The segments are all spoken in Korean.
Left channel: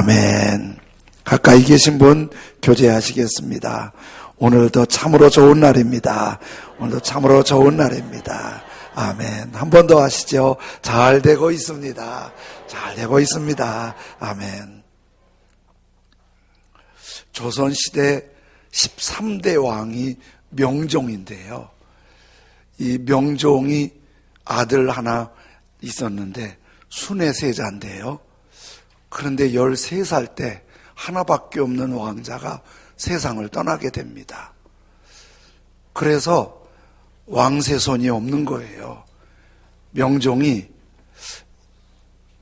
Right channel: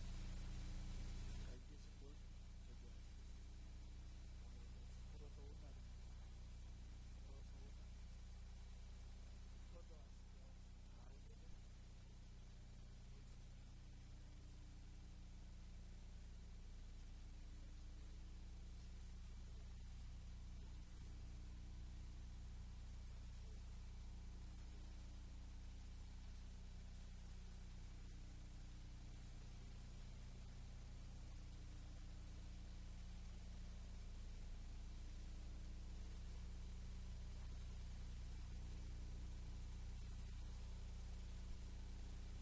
아멘. 가까이 계신 분 교제하시겠습니다. 오늘도 참으로 좋은 날입니다. 오늘도 참으로 좋은 날입니다. 아멘. 한 번 더 하시죠. 잘 되고 있습니다. 잘 되고 있습니다. 아멘. 조선시대 13대 왕이 명종인데요. 이 명종이 아들 하나 있었는데 순애세자인데요. 그런데 13살 때 하나밖에 없는 왕자가 세상을 떠나게 됩니다. 그래서 왕세손이 없는 거예요. 명종이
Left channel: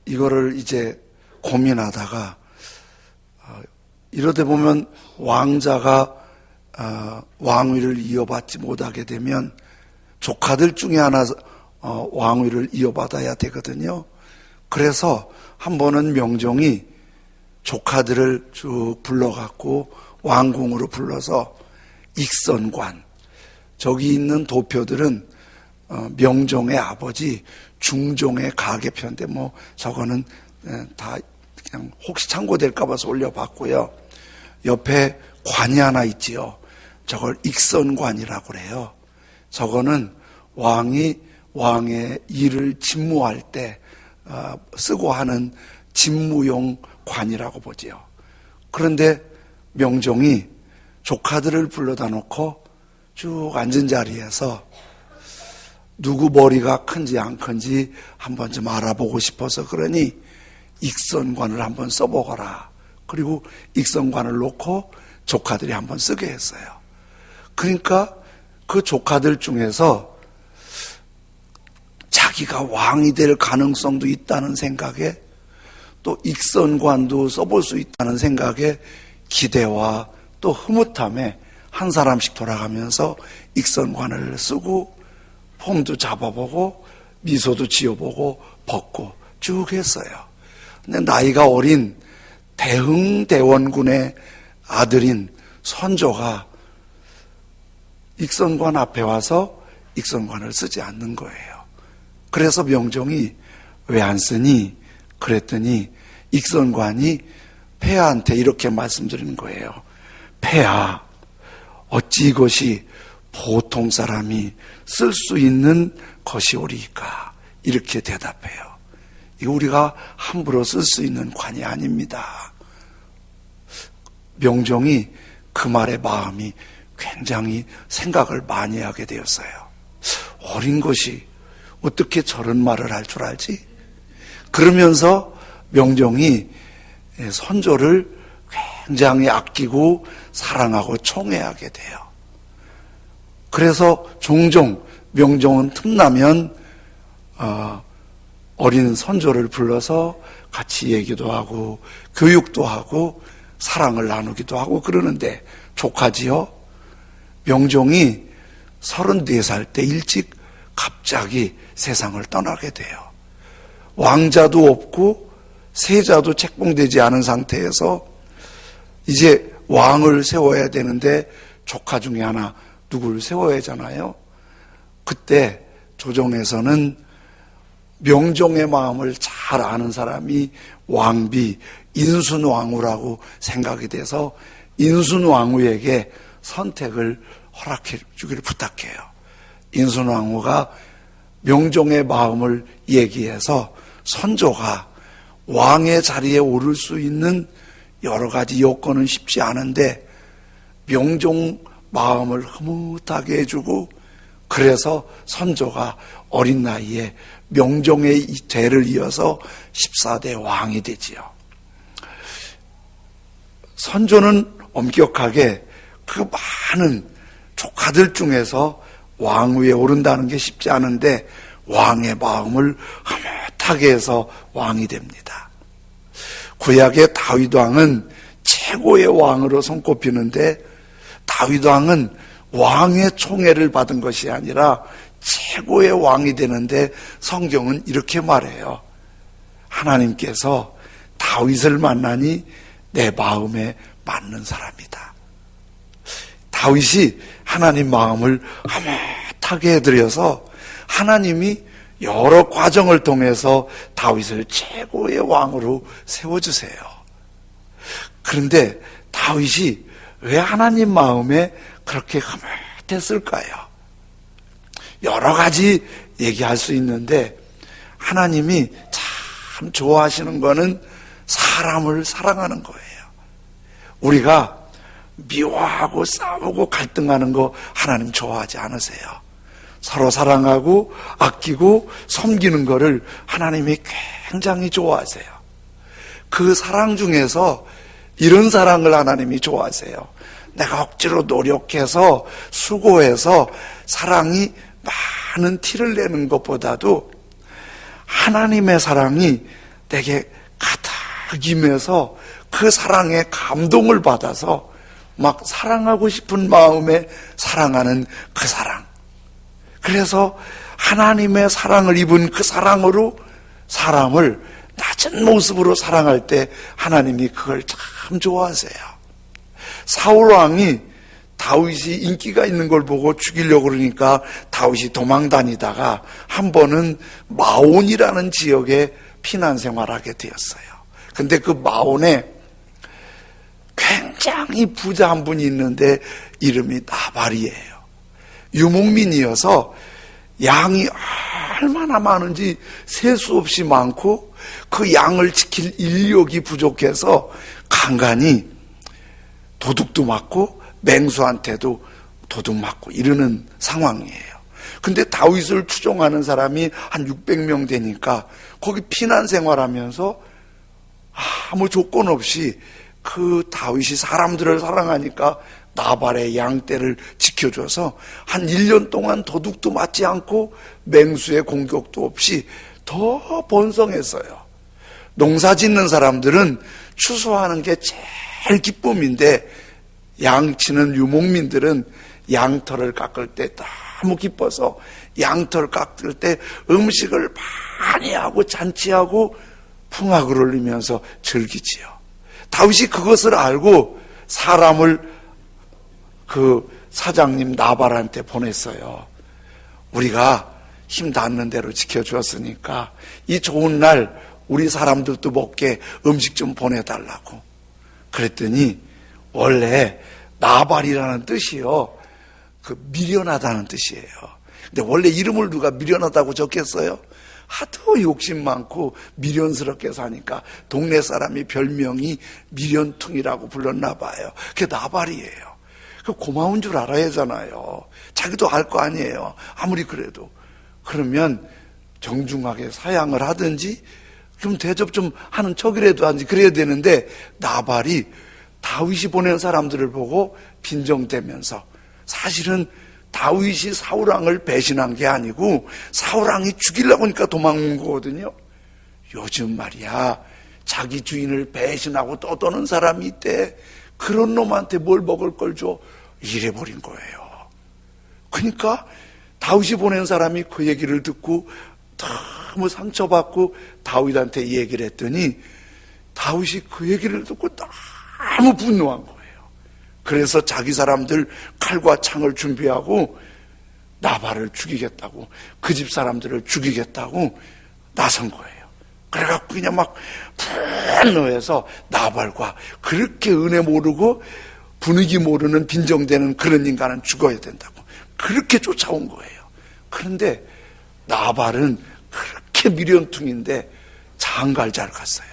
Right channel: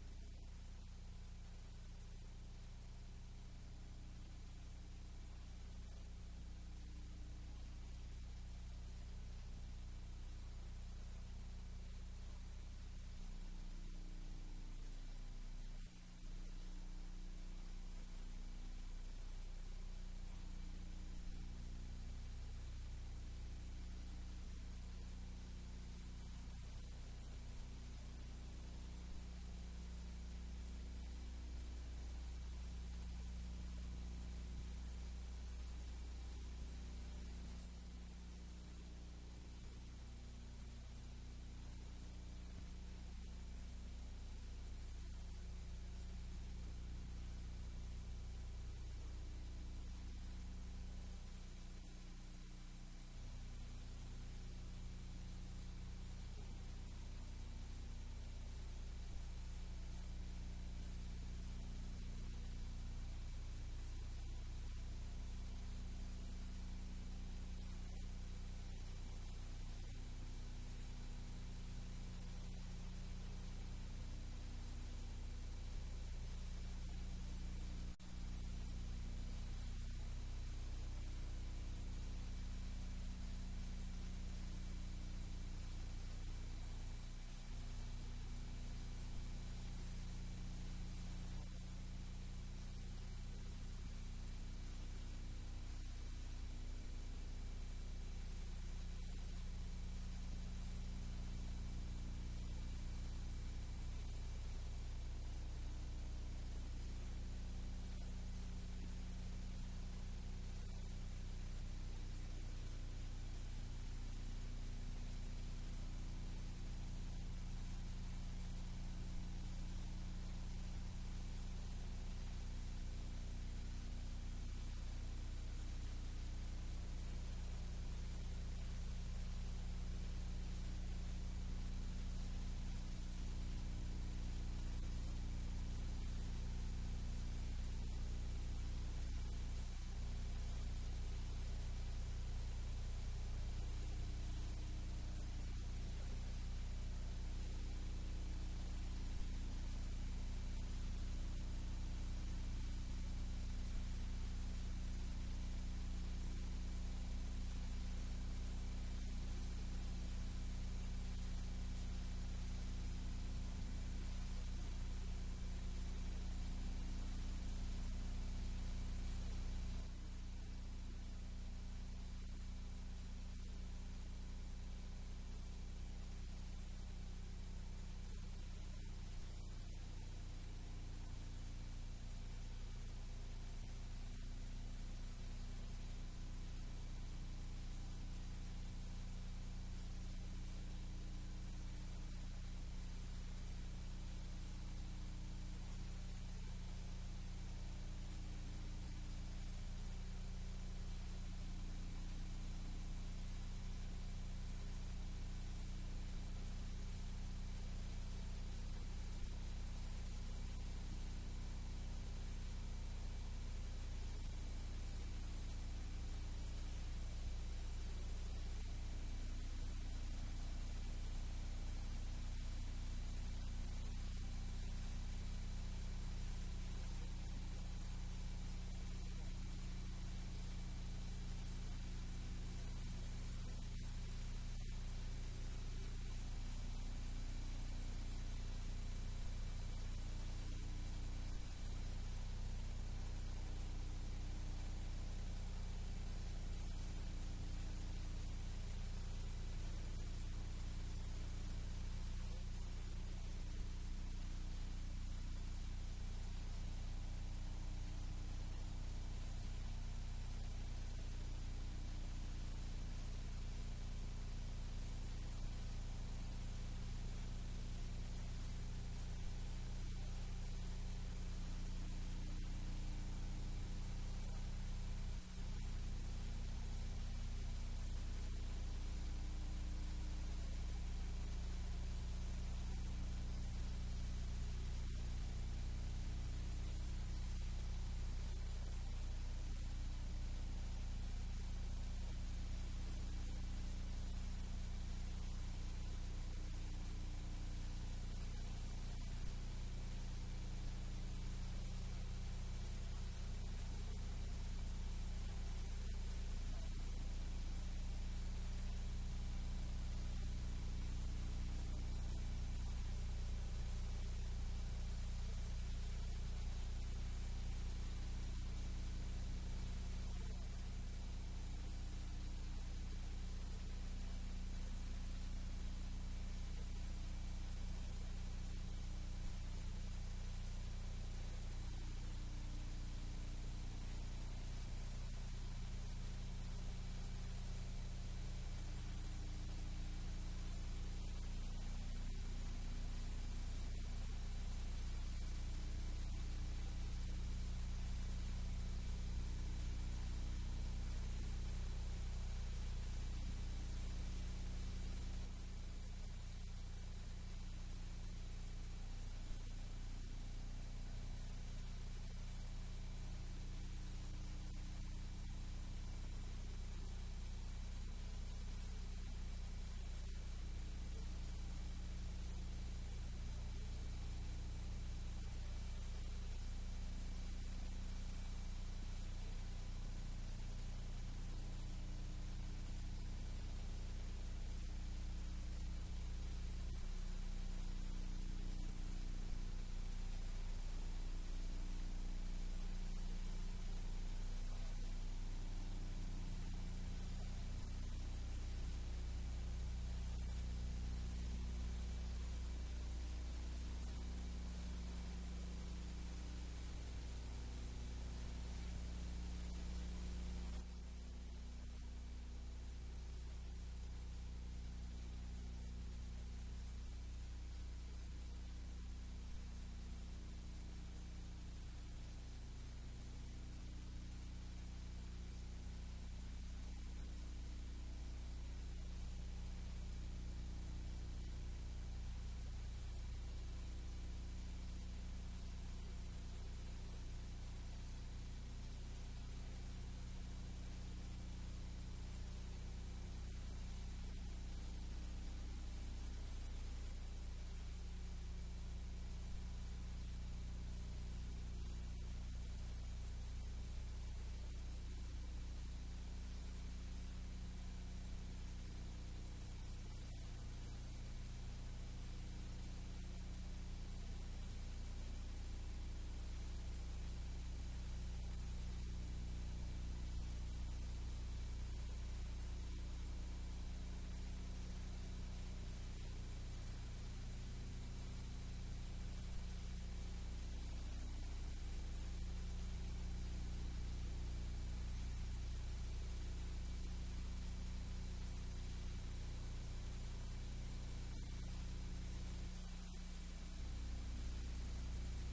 이거를 이제 고민하다가 이러다 보면 왕자가 왕위를 이어받지 못하게 되면 조카들 중에 하나 왕위를 이어받아야 되거든요. 그래서 한 번은 명종이 조카들을 쭉 불러갖고 왕궁으로 불러서 익선관, 저기 있는 도표들은 명종의 아버지 중종의 가계편인데 뭐 저거는 다 그냥 혹시 참고될까 봐서 올려봤고요. 옆에 관이 하나 있지요. 저걸 익선관이라고 그래요. 저거는 왕이 왕의 일을 집무할 때 쓰고 하는 집무용 관이라고 보지요. 그런데 명종이 조카들을 불러다 놓고 쭉 앉은 자리에서 누구 머리가 큰지 안 큰지 한번 좀 알아보고 싶어서 그러니 익선관을 한번 써보거라. 그리고 익선관을 놓고 조카들이 한번 쓰게 했어요. 그러니까 그 조카들 중에서 자기가 왕이 될 가능성도 있다는 생각에 또 익선관도 써볼 수 있다는 생각에 기대와 또 흐뭇함에 한 사람씩 돌아가면서 익선관을 쓰고 폼도 잡아보고 미소도 지어보고 벗고 쭉 했어요. 근데 나이가 어린 대흥대원군의 아들인 선조가 익선관 앞에 와서 익선관을 쓰지 않는 거예요. 그래서 명종이 왜 안 쓰니? 그랬더니 익선관이 폐하한테 이렇게 말씀드리는 거예요. 폐하, 어찌 이것이 보통 사람이 쓸 수 있는 것이오리까? 이렇게 대답해요. 이거 우리가 함부로 쓸 수 있는 관이 아닙니다. 명종이 그 말에 마음이 굉장히 생각을 많이 하게 되었어요. 어린 것이 어떻게 저런 말을 할 줄 알지? 그러면서 명종이 선조를 굉장히 아끼고 사랑하고 총애하게 돼요. 그래서 종종 명종은 틈나면 어린 선조를 불러서 같이 얘기도 하고 교육도 하고 사랑을 나누기도 하고 그러는데 조카지요. 명종이 34살 때 일찍 갑자기 세상을 떠나게 돼요. 왕자도 없고 세자도 책봉되지 않은 상태에서 이제 왕을 세워야 되는데 조카 중에 하나 누구를 세워야 하잖아요. 그때 조정에서는 명종의 마음을 잘 아는 사람이 왕비 인순왕후라고 생각이 돼서 인순왕후에게 선택을 허락해 주기를 부탁해요. 인순왕후가 명종의 마음을 얘기해서 선조가 왕의 자리에 오를 수 있는 여러 가지 요건은 쉽지 않은데 명종 마음을 흐뭇하게 해주고 그래서 선조가 어린 나이에 명종의 대를 이어서 14대 왕이 되지요. 선조는 엄격하게 그 많은 조카들 중에서 왕위에 오른다는 게 쉽지 않은데 왕의 마음을 흐뭇하게 해서 왕이 됩니다. 구약의 다윗 왕은 최고의 왕으로 손꼽히는데 다윗 왕은 왕의 총애를 받은 것이 아니라 최고의 왕이 되는데 성경은 이렇게 말해요. 하나님께서 다윗을 만나니 내 마음에 맞는 사람이다. 다윗이 하나님 마음을 흐뭇하게 해드려서 하나님이 여러 과정을 통해서 다윗을 최고의 왕으로 세워주세요. 그런데 다윗이 왜 하나님 마음에 그렇게 흐뭇했을까요? 여러 가지 얘기할 수 있는데 하나님이 참 좋아하시는 거는 사람을 사랑하는 거예요. 우리가 미워하고 싸우고 갈등하는 거 하나님 좋아하지 않으세요. 서로 사랑하고 아끼고 섬기는 거를 하나님이 굉장히 좋아하세요. 그 사랑 중에서 이런 사랑을 하나님이 좋아하세요. 내가 억지로 노력해서 수고해서 사랑이 많은 티를 내는 것보다도 하나님의 사랑이 내게 가득 임해서 그 사랑에 감동을 받아서 막 사랑하고 싶은 마음에 사랑하는 그 사랑. 그래서 하나님의 사랑을 입은 그 사랑으로 사람을 낮은 모습으로 사랑할 때 하나님이 그걸 참 좋아하세요. 사울 왕이 다윗이 인기가 있는 걸 보고 죽이려고 그러니까 다윗이 도망 다니다가 한 번은 마온이라는 지역에 피난 생활하게 되었어요. 근데 그 마온에 굉장히 부자 한 분이 있는데 이름이 나발이에요. 유목민이어서 양이 얼마나 많은지 셀 수 없이 많고 그 양을 지킬 인력이 부족해서 간간히 도둑도 맞고 맹수한테도 도둑 맞고 이러는 상황이에요. 근데 다윗을 추종하는 사람이 한 600명 되니까 거기 피난 생활하면서 아무 조건 없이 그 다윗이 사람들을 사랑하니까 나발의 양떼를 지켜줘서 한 1년 동안 도둑도 맞지 않고 맹수의 공격도 없이 더 번성했어요. 농사 짓는 사람들은 추수하는 게 제일 기쁨인데 양치는 유목민들은 양털을 깎을 때 너무 기뻐서 양털 깎을 때 음식을 많이 하고 잔치하고 풍악을 울리면서 즐기지요. 다윗이 그것을 알고 사람을 그 사장님 나발한테 보냈어요. 우리가 힘 닿는 대로 지켜주었으니까 이 좋은 날 우리 사람들도 먹게 음식 좀 보내달라고. 그랬더니 원래 나발이라는 뜻이요, 그 미련하다는 뜻이에요. 근데 원래 이름을 누가 미련하다고 적겠어요? 하도 욕심 많고 미련스럽게 사니까 동네 사람이 별명이 미련퉁이라고 불렀나 봐요. 그게 나발이에요. 그 고마운 줄 알아야 하잖아요. 자기도 알 거 아니에요. 아무리 그래도. 그러면 정중하게 사양을 하든지 좀 대접 좀 하는 척이라도 하든지 그래야 되는데 나발이 다윗이 보낸 사람들을 보고 빈정대면서 사실은 다윗이 사울왕을 배신한 게 아니고 사울왕이 죽이려고 하니까 도망온 거거든요. 요즘 말이야 자기 주인을 배신하고 떠도는 사람이 있대. 그런 놈한테 뭘 먹을 걸 줘? 이래버린 거예요. 그러니까 다윗이 보낸 사람이 그 얘기를 듣고 너무 상처받고 다윗한테 얘기를 했더니 다윗이 그 얘기를 듣고 너무 분노한 거예요. 그래서 자기 사람들 칼과 창을 준비하고 나발을 죽이겠다고, 그 집 사람들을 죽이겠다고 나선 거예요. 그래갖고 그냥 막 분노해서 나발과 그렇게 은혜 모르고 분위기 모르는 빈정대는 그런 인간은 죽어야 된다고 그렇게 쫓아온 거예요. 그런데 나발은 그렇게 미련퉁인데 장가를 잘 갔어요.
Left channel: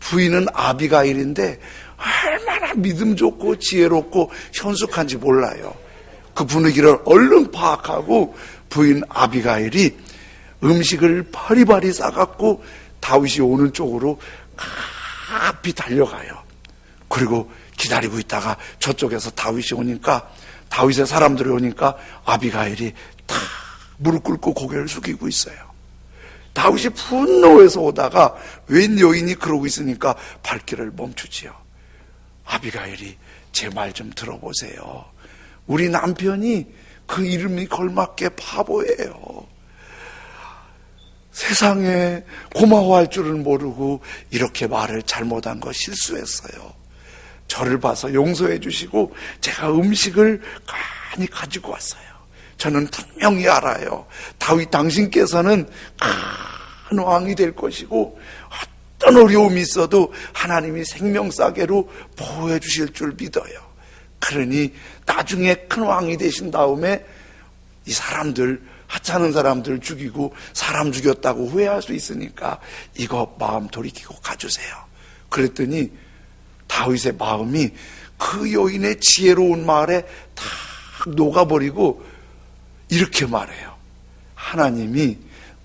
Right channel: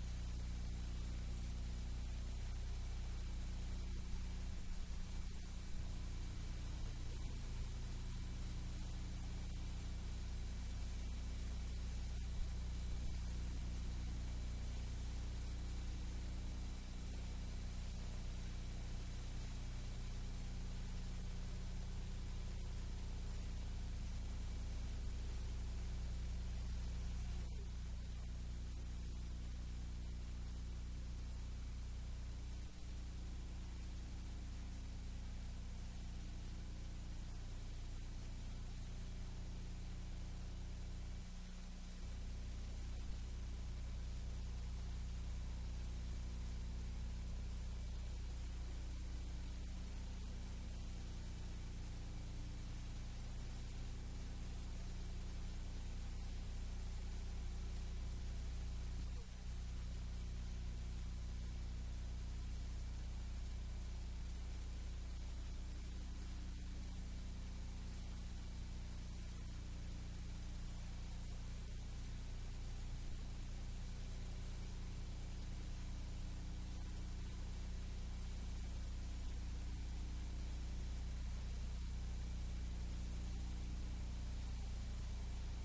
부인은 아비가일인데 얼마나 믿음 좋고 지혜롭고 현숙한지 몰라요. 그 분위기를 얼른 파악하고 부인 아비가일이 음식을 바리바리 싸갖고 다윗이 오는 쪽으로 급히 달려가요. 그리고 기다리고 있다가 저쪽에서 다윗이 오니까, 다윗의 사람들이 오니까 아비가일이 다 무릎 꿇고 고개를 숙이고 있어요. 다윗이 분노해서 오다가 웬 여인이 그러고 있으니까 발길을 멈추지요. 아비가일이 제 말 좀 들어보세요. 우리 남편이 그 이름이 걸맞게 바보예요. 세상에 고마워할 줄은 모르고 이렇게 말을 잘못한 거 실수했어요. 저를 봐서 용서해 주시고 제가 음식을 많이 가지고 왔어요. 저는 분명히 알아요. 다윗 당신께서는 큰 왕이 될 것이고 어떤 어려움이 있어도 하나님이 생명싸개로 보호해 주실 줄 믿어요. 그러니 나중에 큰 왕이 되신 다음에 이 사람들, 하찮은 사람들 죽이고 사람 죽였다고 후회할 수 있으니까 이거 마음 돌이키고 가주세요. 그랬더니 다윗의 마음이 그 여인의 지혜로운 말에 다 녹아버리고 이렇게 말해요. 하나님이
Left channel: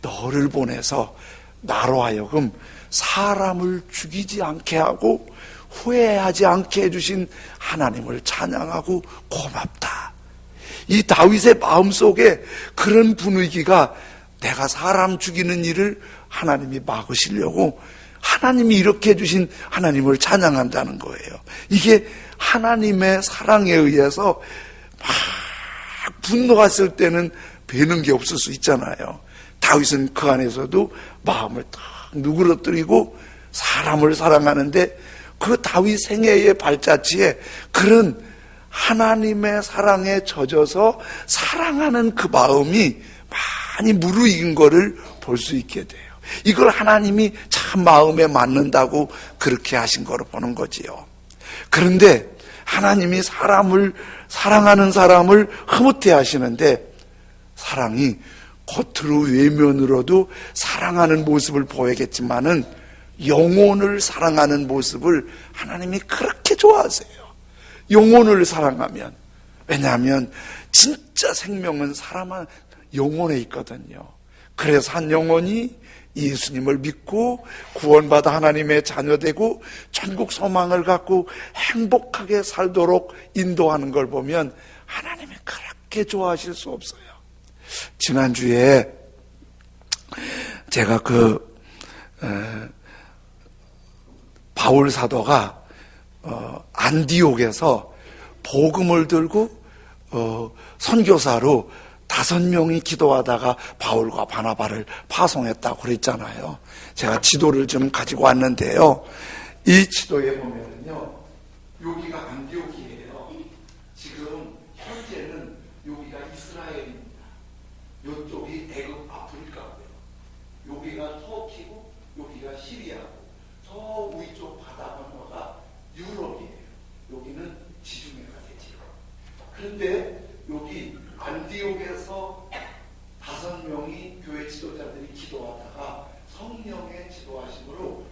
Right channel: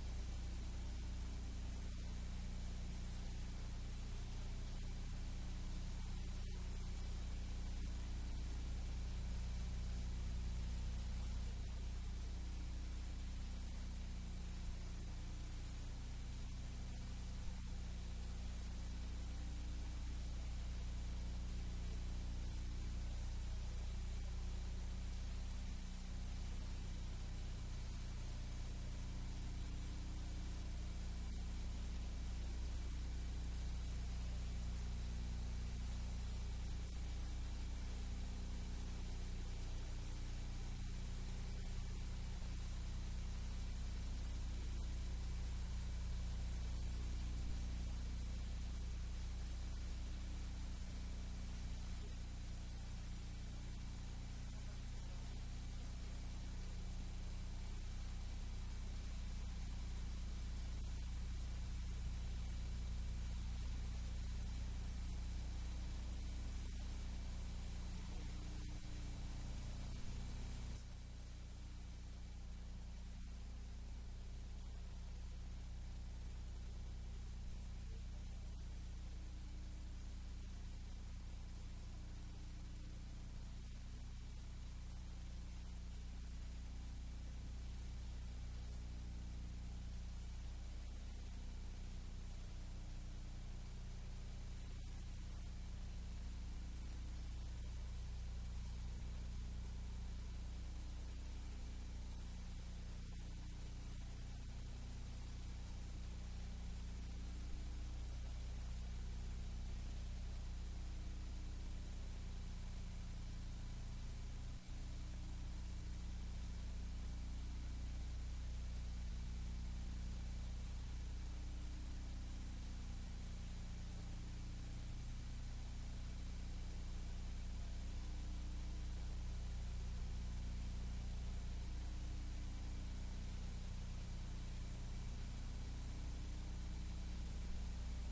너를 보내서 나로 하여금 사람을 죽이지 않게 하고 후회하지 않게 해주신 하나님을 찬양하고 고맙다. 이 다윗의 마음속에 그런 분위기가, 내가 사람 죽이는 일을 하나님이 막으시려고 하나님이 이렇게 해주신 하나님을 찬양한다는 거예요. 이게 하나님의 사랑에 의해서 막 분노했을 때는 배는 게 없을 수 있잖아요. 다윗은 그 안에서도 마음을 딱 누그러뜨리고 사람을 사랑하는데, 그 다윗 생애의 발자취에 그런 하나님의 사랑에 젖어서 사랑하는 그 마음이 많이 무르익은 거를 볼 수 있게 돼요. 이걸 하나님이 참 마음에 맞는다고 그렇게 하신 거로 보는 거지요. 그런데 하나님이 사랑하는 사람을 흐뭇해 하시는데, 사랑이 겉으로 외면으로도 사랑하는 모습을 보이겠지만은 영혼을 사랑하는 모습을 하나님이 그렇게 좋아하세요. 영혼을 사랑하면, 왜냐하면 진짜 생명은 사람 영혼에 있거든요. 그래서 한 영혼이 예수님을 믿고 구원받아 하나님의 자녀되고 천국 소망을 갖고 행복하게 살도록 인도하는 걸 보면 하나님이 그렇게 좋아하실 수 없어요. 지난주에 제가 바울 사도가 안디옥에서 복음을 들고 선교사로 5명이 기도하다가 바울과 바나바를 파송했다고 그랬잖아요. 제가 지도를 좀 가지고 왔는데요. 이 지도에 보면요, 여기가 안디옥이에요. 지금 현재는 여기가 이스라엘입니다. 이쪽이 애굽 아프리카고요. 여기가 터키고 여기가 시리아고, 저 위쪽 바다 건너가 유럽이에요. 여기는 지중해가 되죠. 그런데 여기 안디옥에서 5명이 교회 지도자들이 기도하다가 성령의 지도하심으로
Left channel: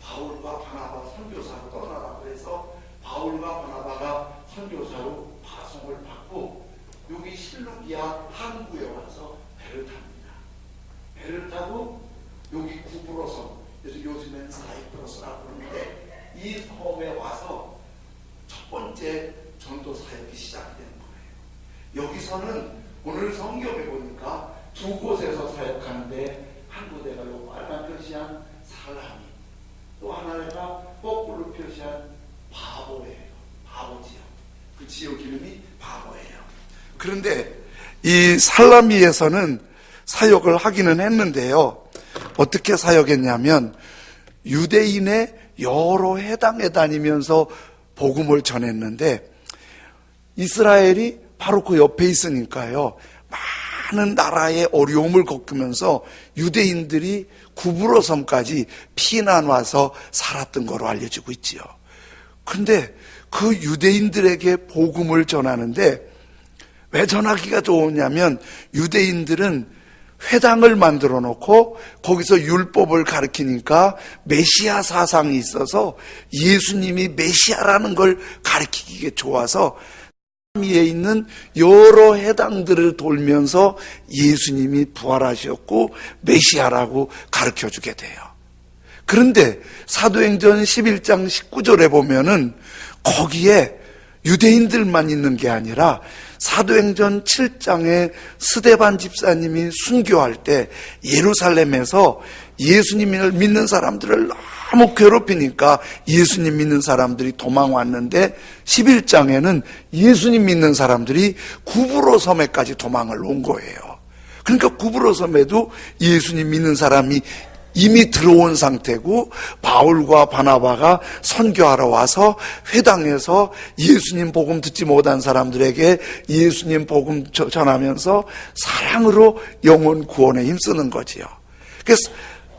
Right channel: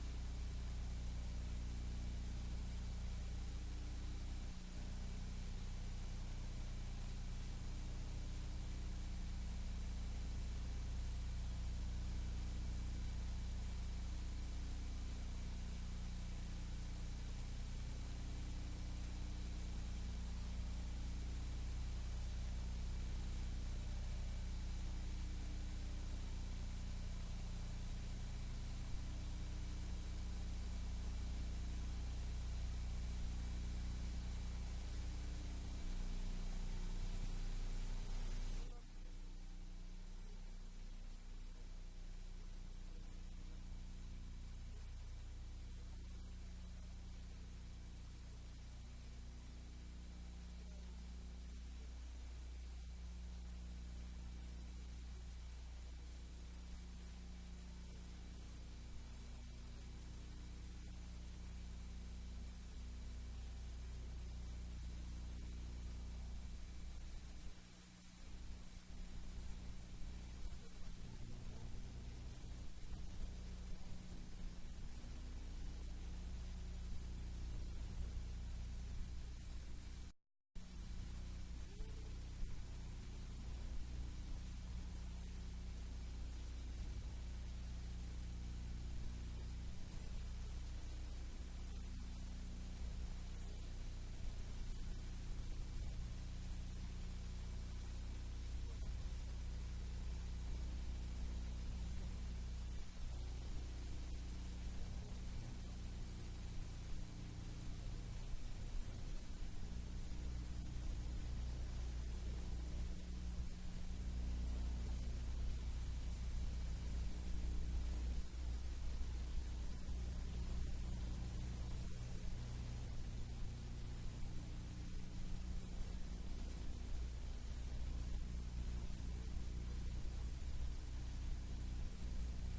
바울과 바나바 선교사로 떠나라고 해서 바울과 바나바가 선교사로 파송을 받고 여기 실루기아 항구에 와서 배를 탑니다. 배를 타고 여기 구브로섬, 그래서 요즘엔 사이프러스라고 부르는데 이 섬에 와서 첫 번째 전도 사역이 시작되는 거예요. 여기서는 오늘 성경에 보니까 2곳에서 사역하는데, 한 군데가 요 빨간 표시한 살라미, 또 하나가 거꾸로 표시한 바보예요. 바보지요. 그 지역 이름이 바보예요. 그런데 이 살라미에서는 사역을 하기는 했는데요. 어떻게 사역했냐면 유대인의 여러 해당에 다니면서 복음을 전했는데, 이스라엘이 바로 그 옆에 있으니까요, 많은 나라의 어려움을 겪으면서 유대인들이 구브로섬까지 피난 와서 살았던 거로 알려지고 있지요. 그런데 그 유대인들에게 복음을 전하는데 왜 전하기가 좋으냐면, 유대인들은 회당을 만들어 놓고 거기서 율법을 가르치니까 메시아 사상이 있어서 예수님이 메시아라는 걸 가르치기에 좋아서 위에 있는 여러 해당들을 돌면서 예수님이 부활하셨고 메시아라고 가르쳐주게 돼요. 그런데 사도행전 11장 19절에 보면은 거기에 유대인들만 있는 게 아니라 사도행전 7장에 스데반 집사님이 순교할 때 예루살렘에서 예수님을 믿는 사람들을 너무 괴롭히니까 예수님 믿는 사람들이 도망왔는데, 11장에는 예수님 믿는 사람들이 구브로 섬에까지 도망을 온 거예요. 그러니까 구브로 섬에도 예수님 믿는 사람이 이미 들어온 상태고, 바울과 바나바가 선교하러 와서 회당에서 예수님 복음 듣지 못한 사람들에게 예수님 복음 전하면서 사랑으로 영혼 구원에 힘쓰는 거지요. 그래서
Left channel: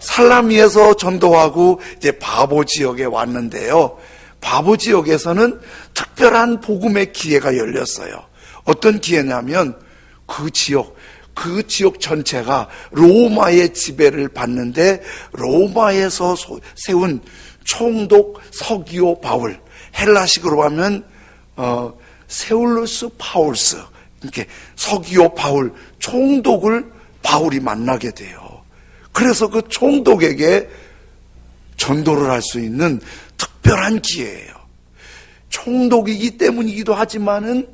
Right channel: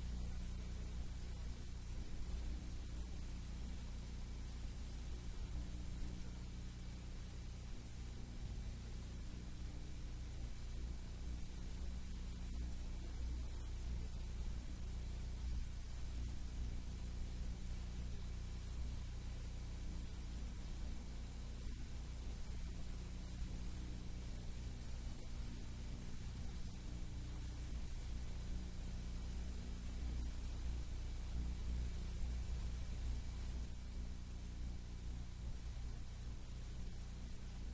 살라미에서 전도하고 이제 바보 지역에 왔는데요. 바보 지역에서는 특별한 복음의 기회가 열렸어요. 어떤 기회냐면 그 지역 전체가 로마의 지배를 받는데 로마에서 세운 총독 서기오 바울, 헬라식으로 하면 세울루스 파울스, 이렇게 서기오 바울, 총독을 바울이 만나게 돼요. 그래서 그 총독에게 전도를 할 수 있는 특별한 기회예요. 총독이기 때문이기도 하지만은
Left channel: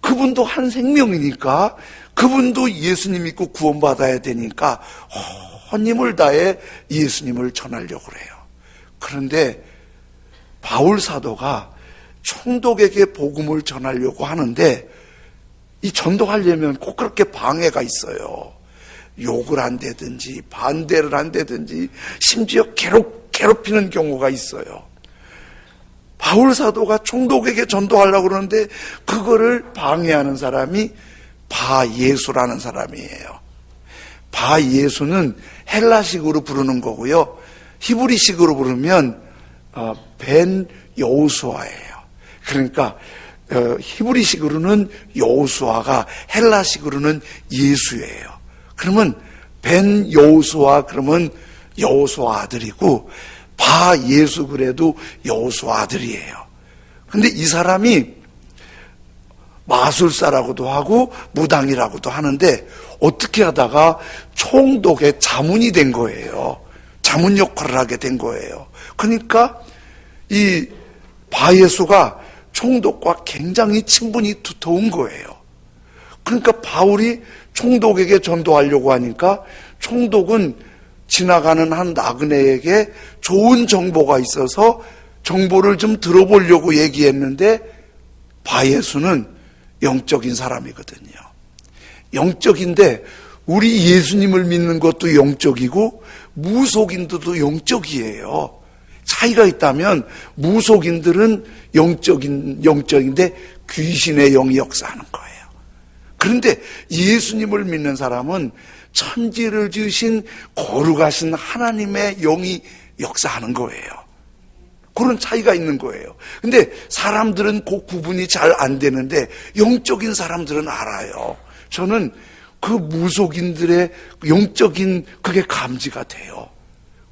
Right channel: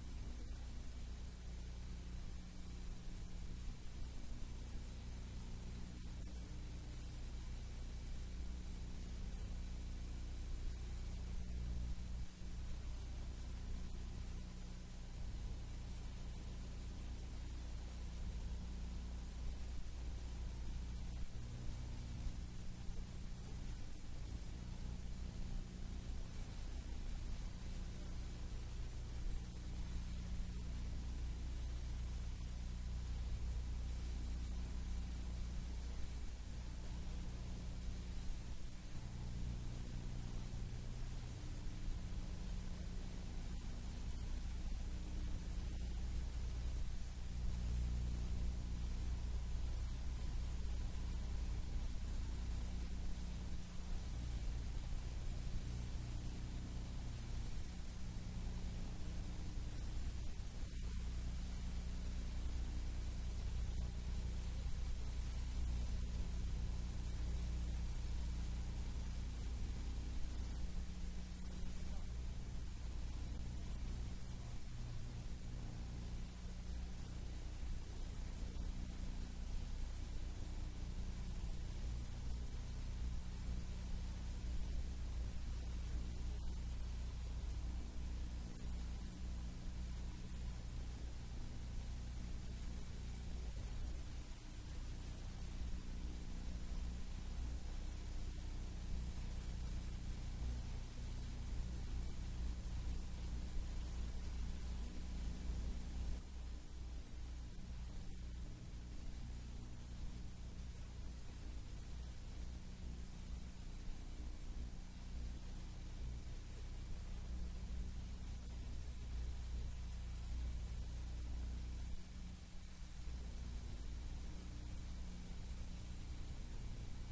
그분도 한 생명이니까 그분도 예수님 믿고 구원받아야 되니까 온 힘을 다해 예수님을 전하려고 그래요. 그런데 바울 사도가 총독에게 복음을 전하려고 하는데 이 전도하려면 꼭 그렇게 방해가 있어요. 욕을 한다든지 반대를 한다든지 심지어 괴롭히는 경우가 있어요. 바울 사도가 총독에게 전도하려고 그러는데 그거를 방해하는 사람이 바예수라는 사람이에요. 바예수는 헬라식으로 부르는 거고요. 히브리식으로 부르면 벤 여호수아예요. 그러니까 히브리식으로는 여호수아가 헬라식으로는 예수예요. 그러면 벤 여호수아 그러면 여호수아 아들이고 바예수 그래도 여호수아 아들이에요. 근데 이 사람이 마술사라고도 하고 무당이라고도 하는데 어떻게 하다가 총독의 자문이 된 거예요. 자문 역할을 하게 된 거예요. 그러니까 이 바예수가 총독과 굉장히 친분이 두터운 거예요. 그러니까 바울이 총독에게 전도하려고 하니까 총독은 지나가는 한 나그네에게 좋은 정보가 있어서 정보를 좀 들어보려고 얘기했는데 바예수는 영적인 사람이거든요. 영적인데 우리 예수님을 믿는 것도 영적이고 무속인들도 영적이에요. 차이가 있다면 무속인들은 영적인데 귀신의 영이 역사하는 거예요. 그런데 예수님을 믿는 사람은 천지를 지으신 거룩하신 하나님의 영이 역사하는 거예요. 그런 차이가 있는 거예요. 근데 사람들은 그 구분이 잘 안 되는데 영적인 사람들은 알아요. 저는 그 무속인들의 영적인 그게 감지가 돼요.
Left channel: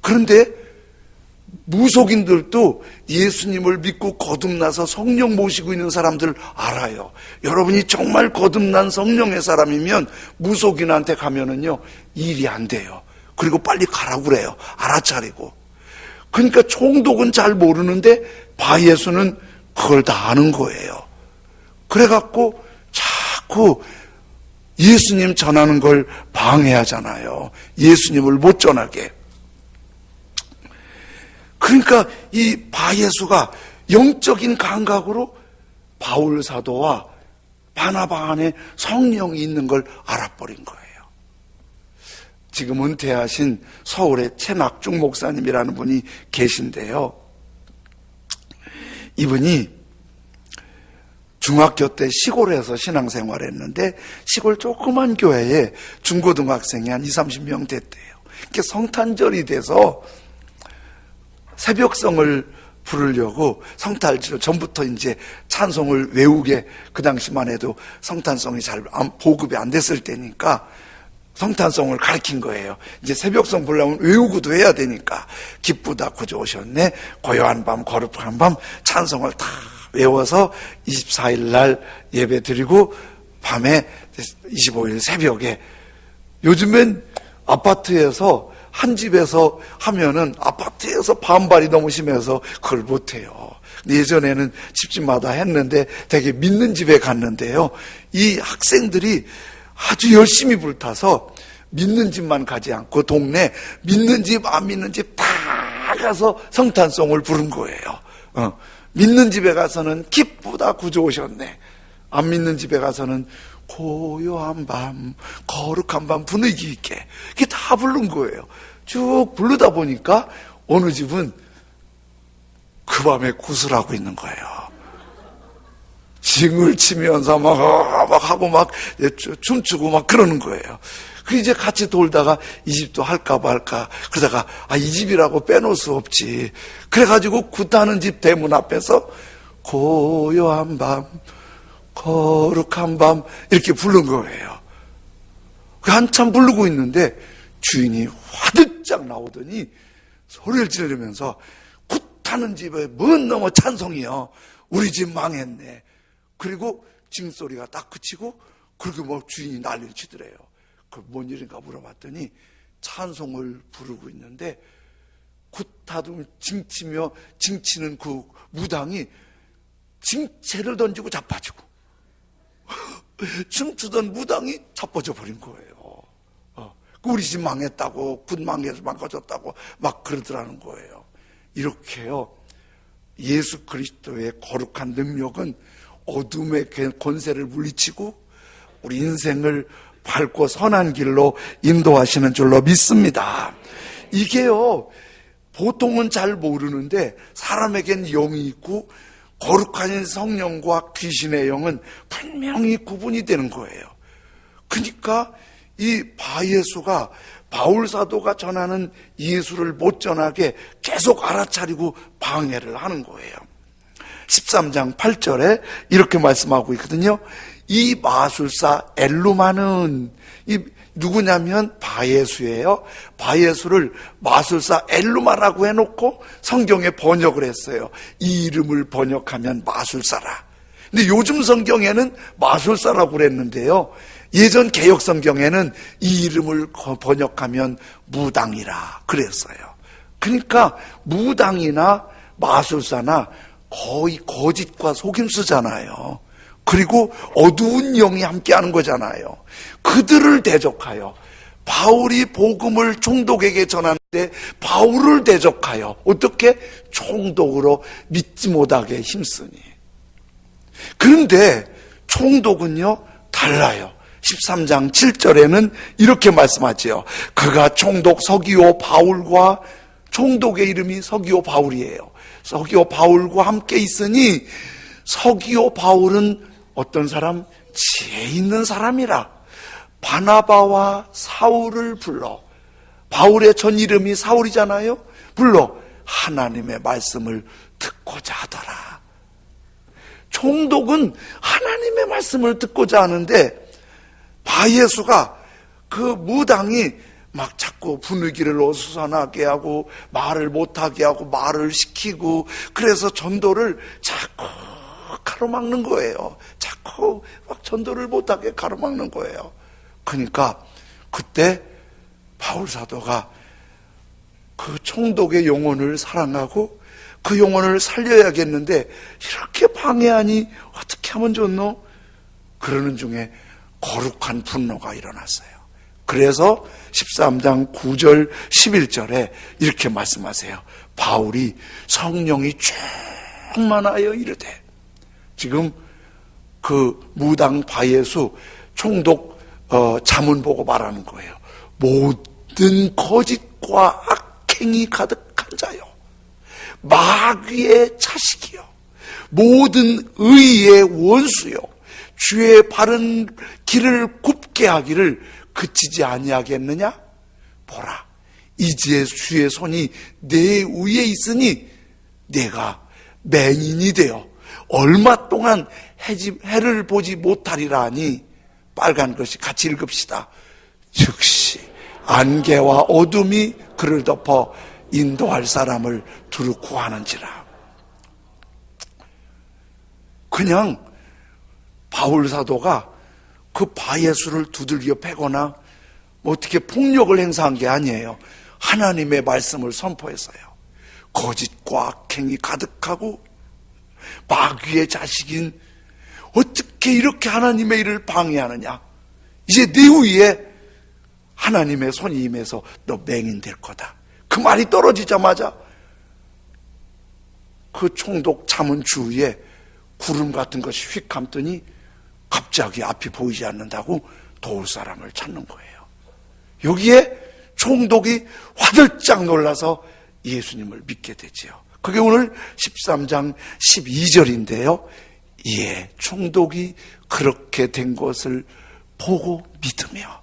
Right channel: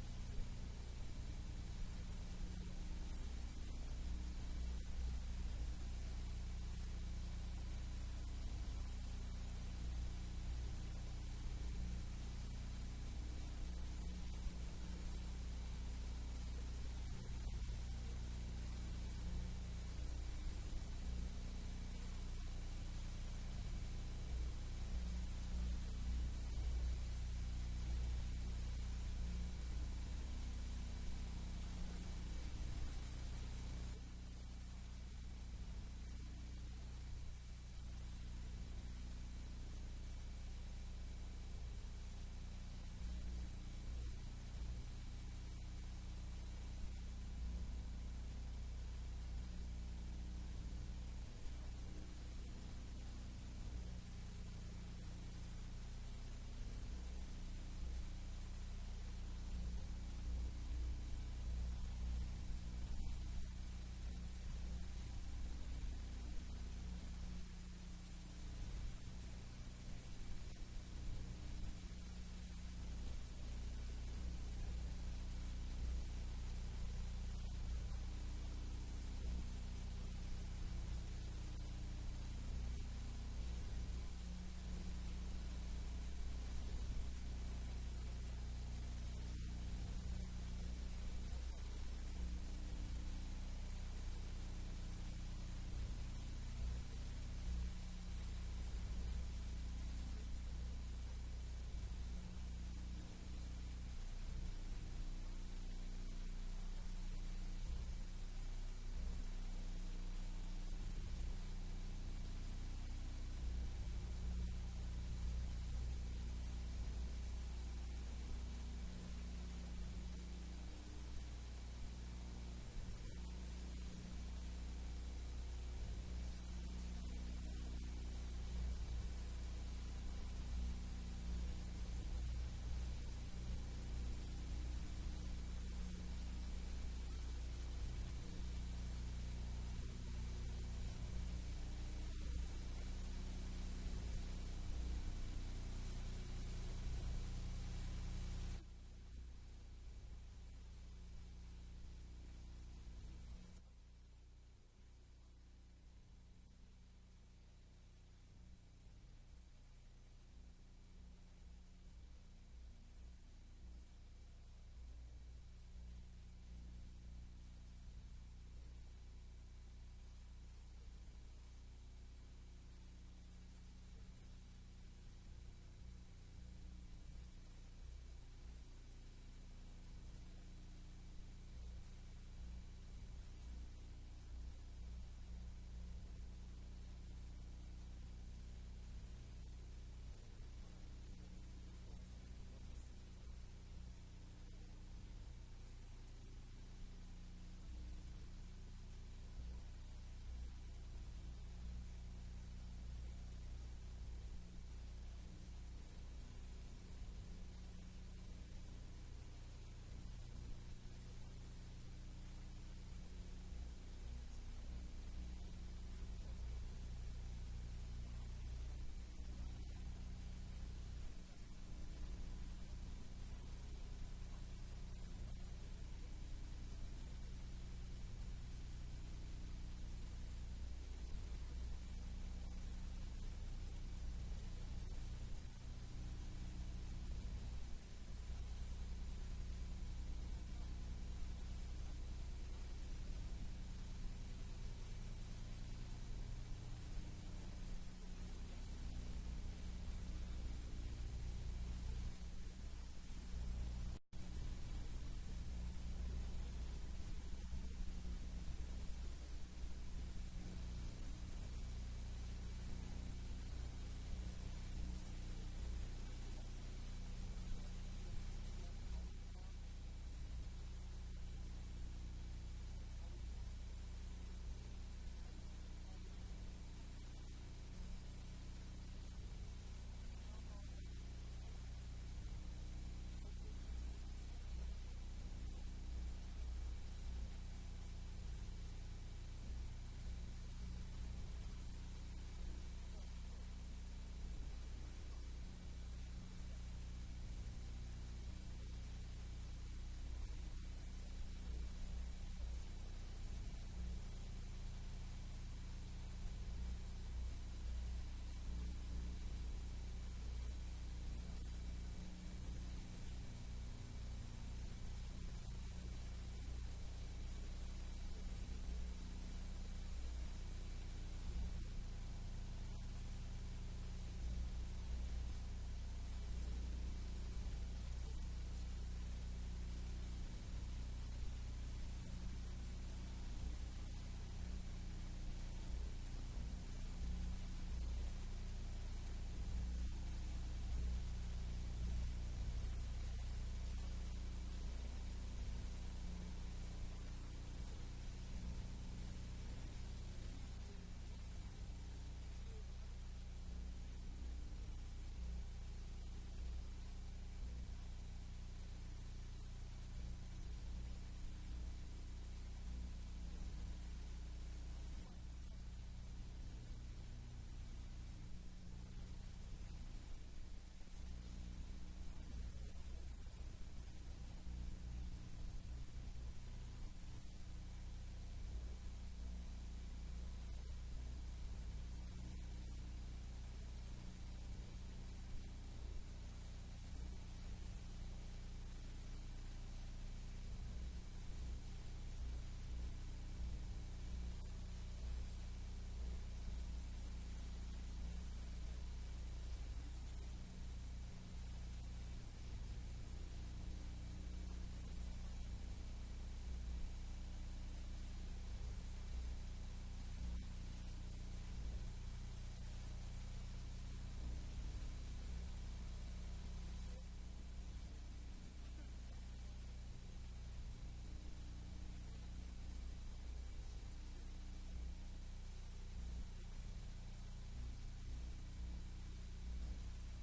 그런데 무속인들도 예수님을 믿고 거듭나서 성령 모시고 있는 사람들 알아요. 여러분이 정말 거듭난 성령의 사람이면 무속인한테 가면은요 일이 안 돼요. 그리고 빨리 가라고 그래요. 알아차리고. 그러니까 총독은 잘 모르는데 바예수는 그걸 다 아는 거예요. 그래갖고 자꾸 예수님 전하는 걸 방해하잖아요. 예수님을 못 전하게. 그러니까 이 바예수가 영적인 감각으로 바울 사도와 바나바 안에 성령이 있는 걸 알아버린 거예요. 지금 은퇴하신 서울의 최낙중 목사님이라는 분이 계신데요. 이분이 중학교 때 시골에서 신앙생활을 했는데 시골 조그만 교회에 중고등학생이 한 20-30명 됐대요. 이렇게 성탄절이 돼서 새벽성을 부르려고 성탄절 전부터 이제 찬송을 외우게, 그 당시만 해도 성탄송이 잘 보급이 안 됐을 때니까 성탄송을 가르친 거예요. 이제 새벽성 부르려면 외우고도 해야 되니까 기쁘다 구주 오셨네, 고요한 밤 거룩한 밤 찬송을 다 외워서 24일 날 예배 드리고 밤에 25일 새벽에, 요즘엔 아파트에서 한 집에서 하면은 아파트에서 반발이 너무 심해서 그걸 못해요. 예전에는 집집마다 했는데 되게 믿는 집에 갔는데요, 이 학생들이 아주 열심히 불타서 믿는 집만 가지 않고 동네 믿는 집 안 믿는 집 다 가서 성탄송을 부른 거예요. 믿는 집에 가서는 기쁘다 구주 오셨네, 안 믿는 집에 가서는 고요한 밤 거룩한 밤 분위기 있게 이게 다 부른 거예요. 쭉 부르다 보니까 어느 집은 그 밤에 구슬하고 있는 거예요. 징을 치면서 막 하고 막 춤추고 막 그러는 거예요. 그 이제 같이 돌다가 이 집도 할까 말까 그러다가 이 집이라고 빼놓을 수 없지. 그래가지고 굿하는 집 대문 앞에서 고요한 밤 거룩한 밤 이렇게 부른 거예요. 한참 부르고 있는데 주인이 화들짝 나오더니 소리를 지르면서 굿하는 집에 먼 넘어 찬송이요, 우리 집 망했네. 그리고 징소리가 딱 그치고 그리고 뭐 주인이 난리를 치더래요. 그 뭔 일인가 물어봤더니 찬송을 부르고 있는데 굿하던 징치며 징치는 그 무당이 징채를 던지고 자빠지고 춤추던 무당이 자빠져 버린 거예요. 우리 집 망했다고, 굿 망가졌다고 막 그러더라는 거예요. 이렇게요, 예수 그리스도의 거룩한 능력은 어둠의 권세를 물리치고 우리 인생을 밝고 선한 길로 인도하시는 줄로 믿습니다. 이게요, 보통은 잘 모르는데 사람에겐 영이 있고 거룩한 성령과 귀신의 영은 분명히 구분이 되는 거예요. 그러니까 이 바예수가 바울 사도가 전하는 예수를 못 전하게 계속 알아차리고 방해를 하는 거예요. 13장 8절에 이렇게 말씀하고 있거든요. 이 마술사 엘루마는, 이 누구냐면 바예수예요. 바예수를 마술사 엘루마라고 해놓고 성경에 번역을 했어요. 이 이름을 번역하면 마술사라. 근데 요즘 성경에는 마술사라고 그랬는데요, 예전 개역 성경에는 이 이름을 번역하면 무당이라 그랬어요. 그러니까 무당이나 마술사나 거의 거짓과 속임수잖아요. 그리고 어두운 영이 함께하는 거잖아요. 그들을 대적하여 바울이 복음을 총독에게 전하는데 바울을 대적하여 어떻게? 총독으로 믿지 못하게 힘쓰니. 그런데 총독은요 달라요. 13장 7절에는 이렇게 말씀하죠. 그가 총독 서기오 바울과, 총독의 이름이 서기오 바울이에요. 서기오 바울과 함께 있으니 서기오 바울은 어떤 사람? 지혜 있는 사람이라 바나바와 사울을 불러, 바울의 전 이름이 사울이잖아요. 불러 하나님의 말씀을 듣고자 하더라. 총독은 하나님의 말씀을 듣고자 하는데 바예수가 그 무당이 막 자꾸 분위기를 어수선하게 하고 말을 못하게 하고 말을 시키고, 그래서 전도를 자꾸 가로막는 거예요. 자꾸 막 전도를 못하게 가로막는 거예요. 그러니까 그때 바울 사도가 그 총독의 영혼을 사랑하고 그 영혼을 살려야겠는데 이렇게 방해하니 어떻게 하면 좋노? 그러는 중에 거룩한 분노가 일어났어요. 그래서 13장 9절 11절에 이렇게 말씀하세요. 바울이 성령이 충만하여 이르되, 지금 그 무당 바예수 총독 자문 보고 말하는 거예요. 모든 거짓과 악행이 가득한 자요, 마귀의 자식이요, 모든 의의 원수요, 주의 바른 길을 굽게 하기를 그치지 아니하겠느냐? 보라, 이제 주의 손이 내 위에 있으니 내가 맹인이 되어 얼마 동안 해를 보지 못하리라 하니, 빨간 것이 같이 읽읍시다. 즉시 안개와 어둠이 그를 덮어 인도할 사람을 두루 구하는지라. 그냥 바울 사도가 그 바예수를 두들겨 패거나 뭐 어떻게 폭력을 행사한 게 아니에요. 하나님의 말씀을 선포했어요. 거짓과 악행이 가득하고 마귀의 자식인 어떻게 이렇게 하나님의 일을 방해하느냐? 이제 네 위에 하나님의 손이 임해서 너 맹인 될 거다. 그 말이 떨어지자마자 그 총독 자문 주위에 구름 같은 것이 휙 감더니 갑자기 앞이 보이지 않는다고 도울 사람을 찾는 거예요. 여기에 총독이 화들짝 놀라서 예수님을 믿게 되지요. 그게 오늘 13장 12절인데요 예, 총독이 그렇게 된 것을 보고 믿으며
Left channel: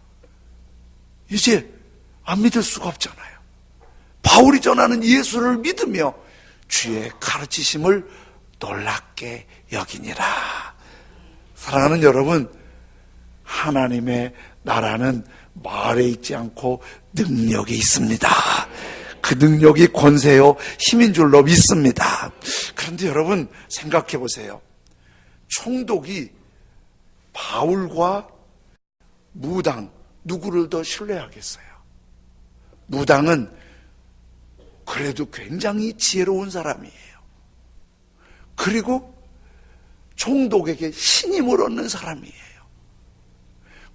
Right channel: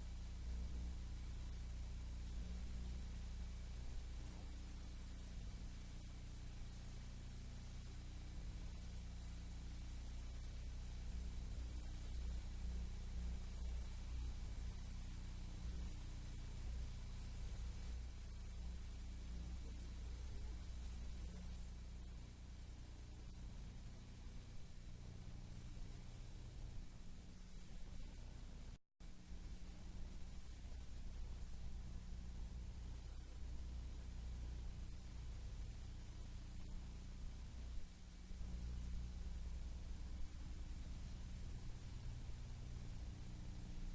이제 안 믿을 수가 없잖아요. 바울이 전하는 예수를 믿으며 주의 가르치심을 놀랍게 여기니라. 사랑하는 여러분, 하나님의 나라는 말에 있지 않고 능력이 있습니다. 그 능력이 권세요 힘인 줄로 믿습니다. 그런데 여러분 생각해 보세요. 총독이 바울과 무당 누구를 더 신뢰하겠어요? 무당은 그래도 굉장히 지혜로운 사람이에요. 그리고 총독에게 신임을 얻는 사람이에요.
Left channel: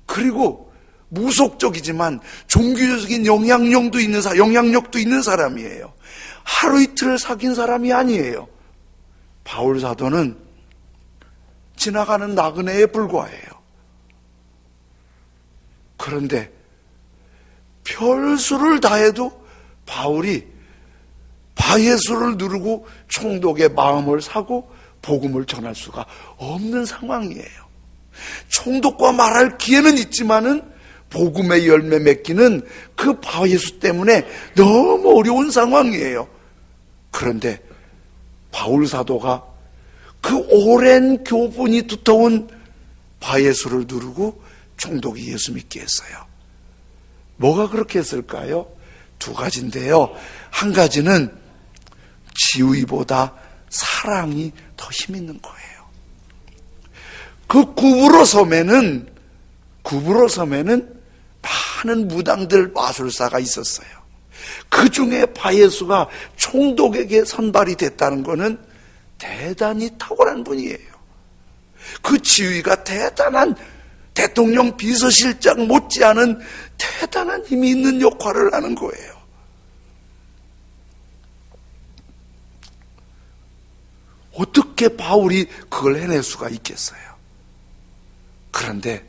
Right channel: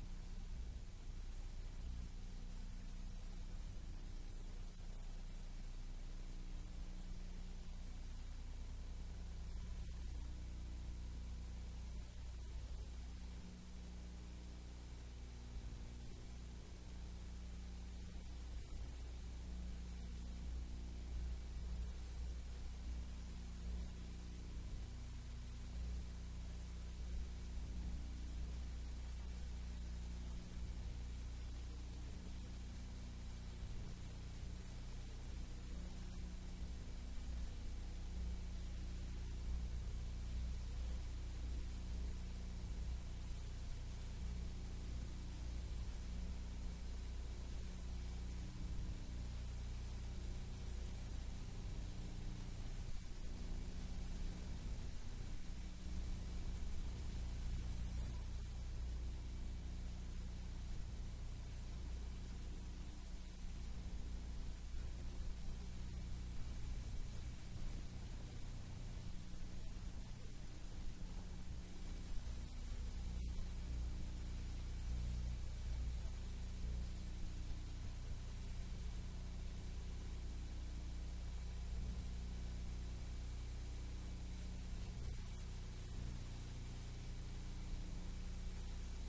그리고 무속적이지만 종교적인 영향력도 있는 사람이에요. 하루 이틀을 사귄 사람이 아니에요. 바울 사도는 지나가는 나그네에 불과해요. 그런데 별수를 다해도 바울이 바예수를 누르고 총독의 마음을 사고 복음을 전할 수가 없는 상황이에요. 총독과 말할 기회는 있지만은 복음의 열매 맺기는 그 바예수 때문에 너무 어려운 상황이에요. 그런데 바울 사도가 그 오랜 교분이 두터운 바예수를 누르고 총독이 예수 믿게 했어요. 뭐가 그렇게 했을까요? 두 가지인데요. 한 가지는 지위보다 사랑이 더 힘있는 거예요. 그 구부러 섬에는 많은 무당들 마술사가 있었어요. 그 중에 바예수가 총독에게 선발이 됐다는 것은 대단히 탁월한 분이에요. 그 지위가 대단한 대통령 비서실장 못지않은 대단한 힘이 있는 역할을 하는 거예요. 어떻게 바울이 그걸 해낼 수가 있겠어요? 그런데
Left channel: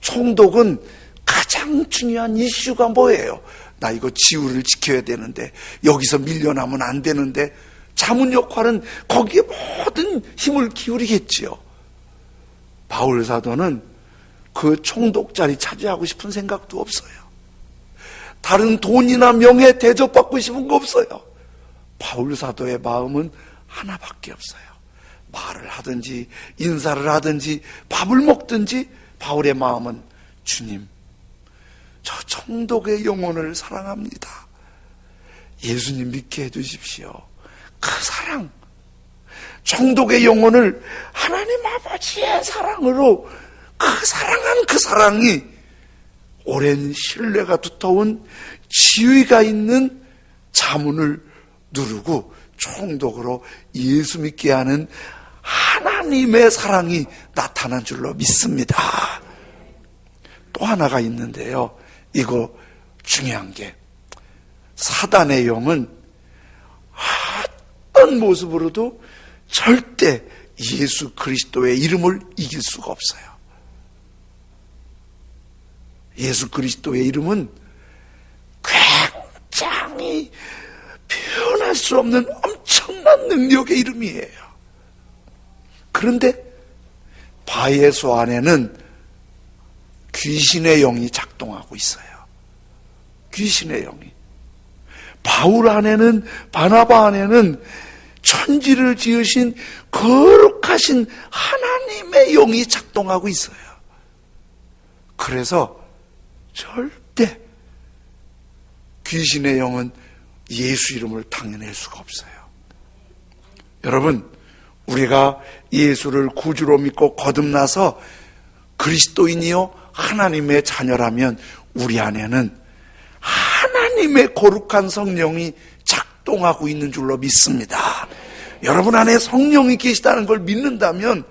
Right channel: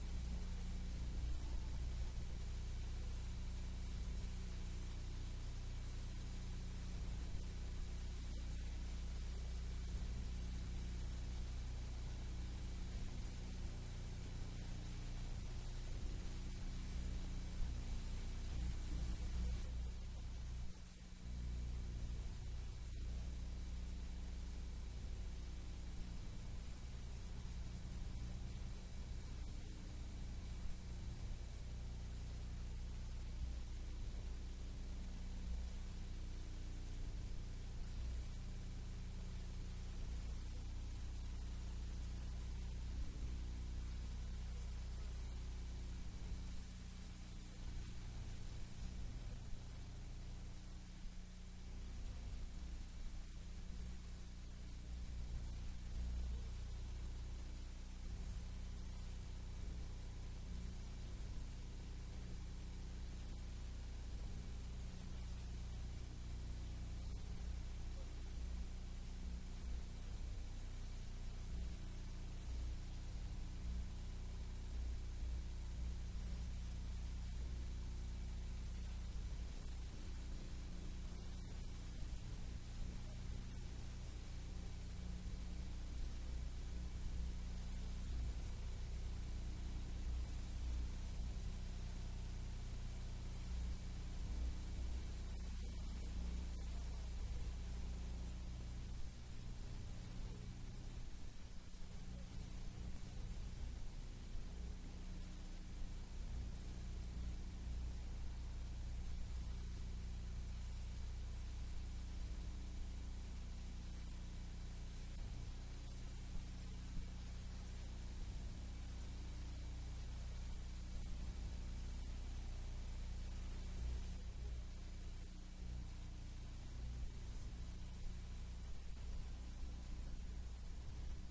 총독은 가장 중요한 이슈가 뭐예요? 나 이거 지위를 지켜야 되는데, 여기서 밀려나면 안 되는데, 자문 역할은 거기에 모든 힘을 기울이겠지요. 바울 사도는 그 총독 자리 차지하고 싶은 생각도 없어요. 다른 돈이나 명예 대접받고 싶은 거 없어요. 바울 사도의 마음은 하나밖에 없어요. 말을 하든지 인사를 하든지 밥을 먹든지 바울의 마음은 주님, 저 총독의 영혼을 사랑합니다. 예수님 믿게 해주십시오. 그 사랑, 총독의 영혼을 하나님 아버지의 사랑으로 사랑한 그 사랑이 오랜 신뢰가 두터운 지위가 있는 자문을 누르고 총독으로 예수 믿게 하는 하나님의 사랑이 나타난 줄로 믿습니다. 또 하나가 있는데요. 이거 중요한 게, 사단의 영은 어떤 모습으로도 절대 예수 그리스도의 이름을 이길 수가 없어요. 예수 그리스도의 이름은 굉장히 표현할 수 없는 엄청난 능력의 이름이에요. 그런데 바예수 안에는 귀신의 영이 작동하고 있어요. 귀신의 영이. 바울 안에는, 바나바 안에는 천지를 지으신 거룩하신 하나님의 영이 작동하고 있어요. 그래서 절대 귀신의 영은 예수 이름을 당해낼 수가 없어요. 여러분, 우리가 예수를 구주로 믿고 거듭나서 그리스도인이요 하나님의 자녀라면 우리 안에는 하나님의 거룩한 성령이 작동하고 있는 줄로 믿습니다. 여러분 안에 성령이 계시다는 걸 믿는다면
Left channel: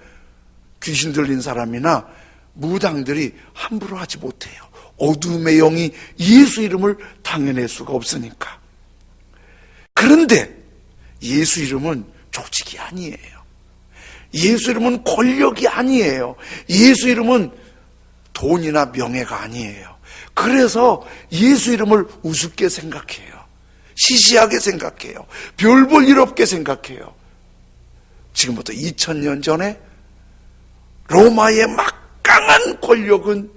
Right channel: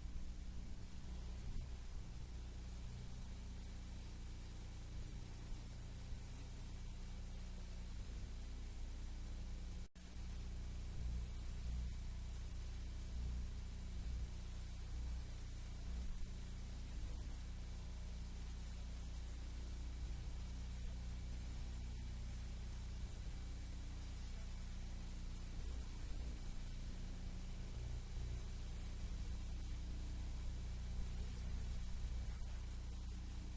귀신 들린 사람이나 무당들이 함부로 하지 못해요. 어둠의 영이 예수 이름을 당해낼 수가 없으니까. 그런데 예수 이름은 조직이 아니에요. 예수 이름은 권력이 아니에요. 예수 이름은 돈이나 명예가 아니에요. 그래서 예수 이름을 우습게 생각해요. 시시하게 생각해요. 별 볼 일 없게 생각해요. 지금부터 2000년 전에 로마의 막강한 권력은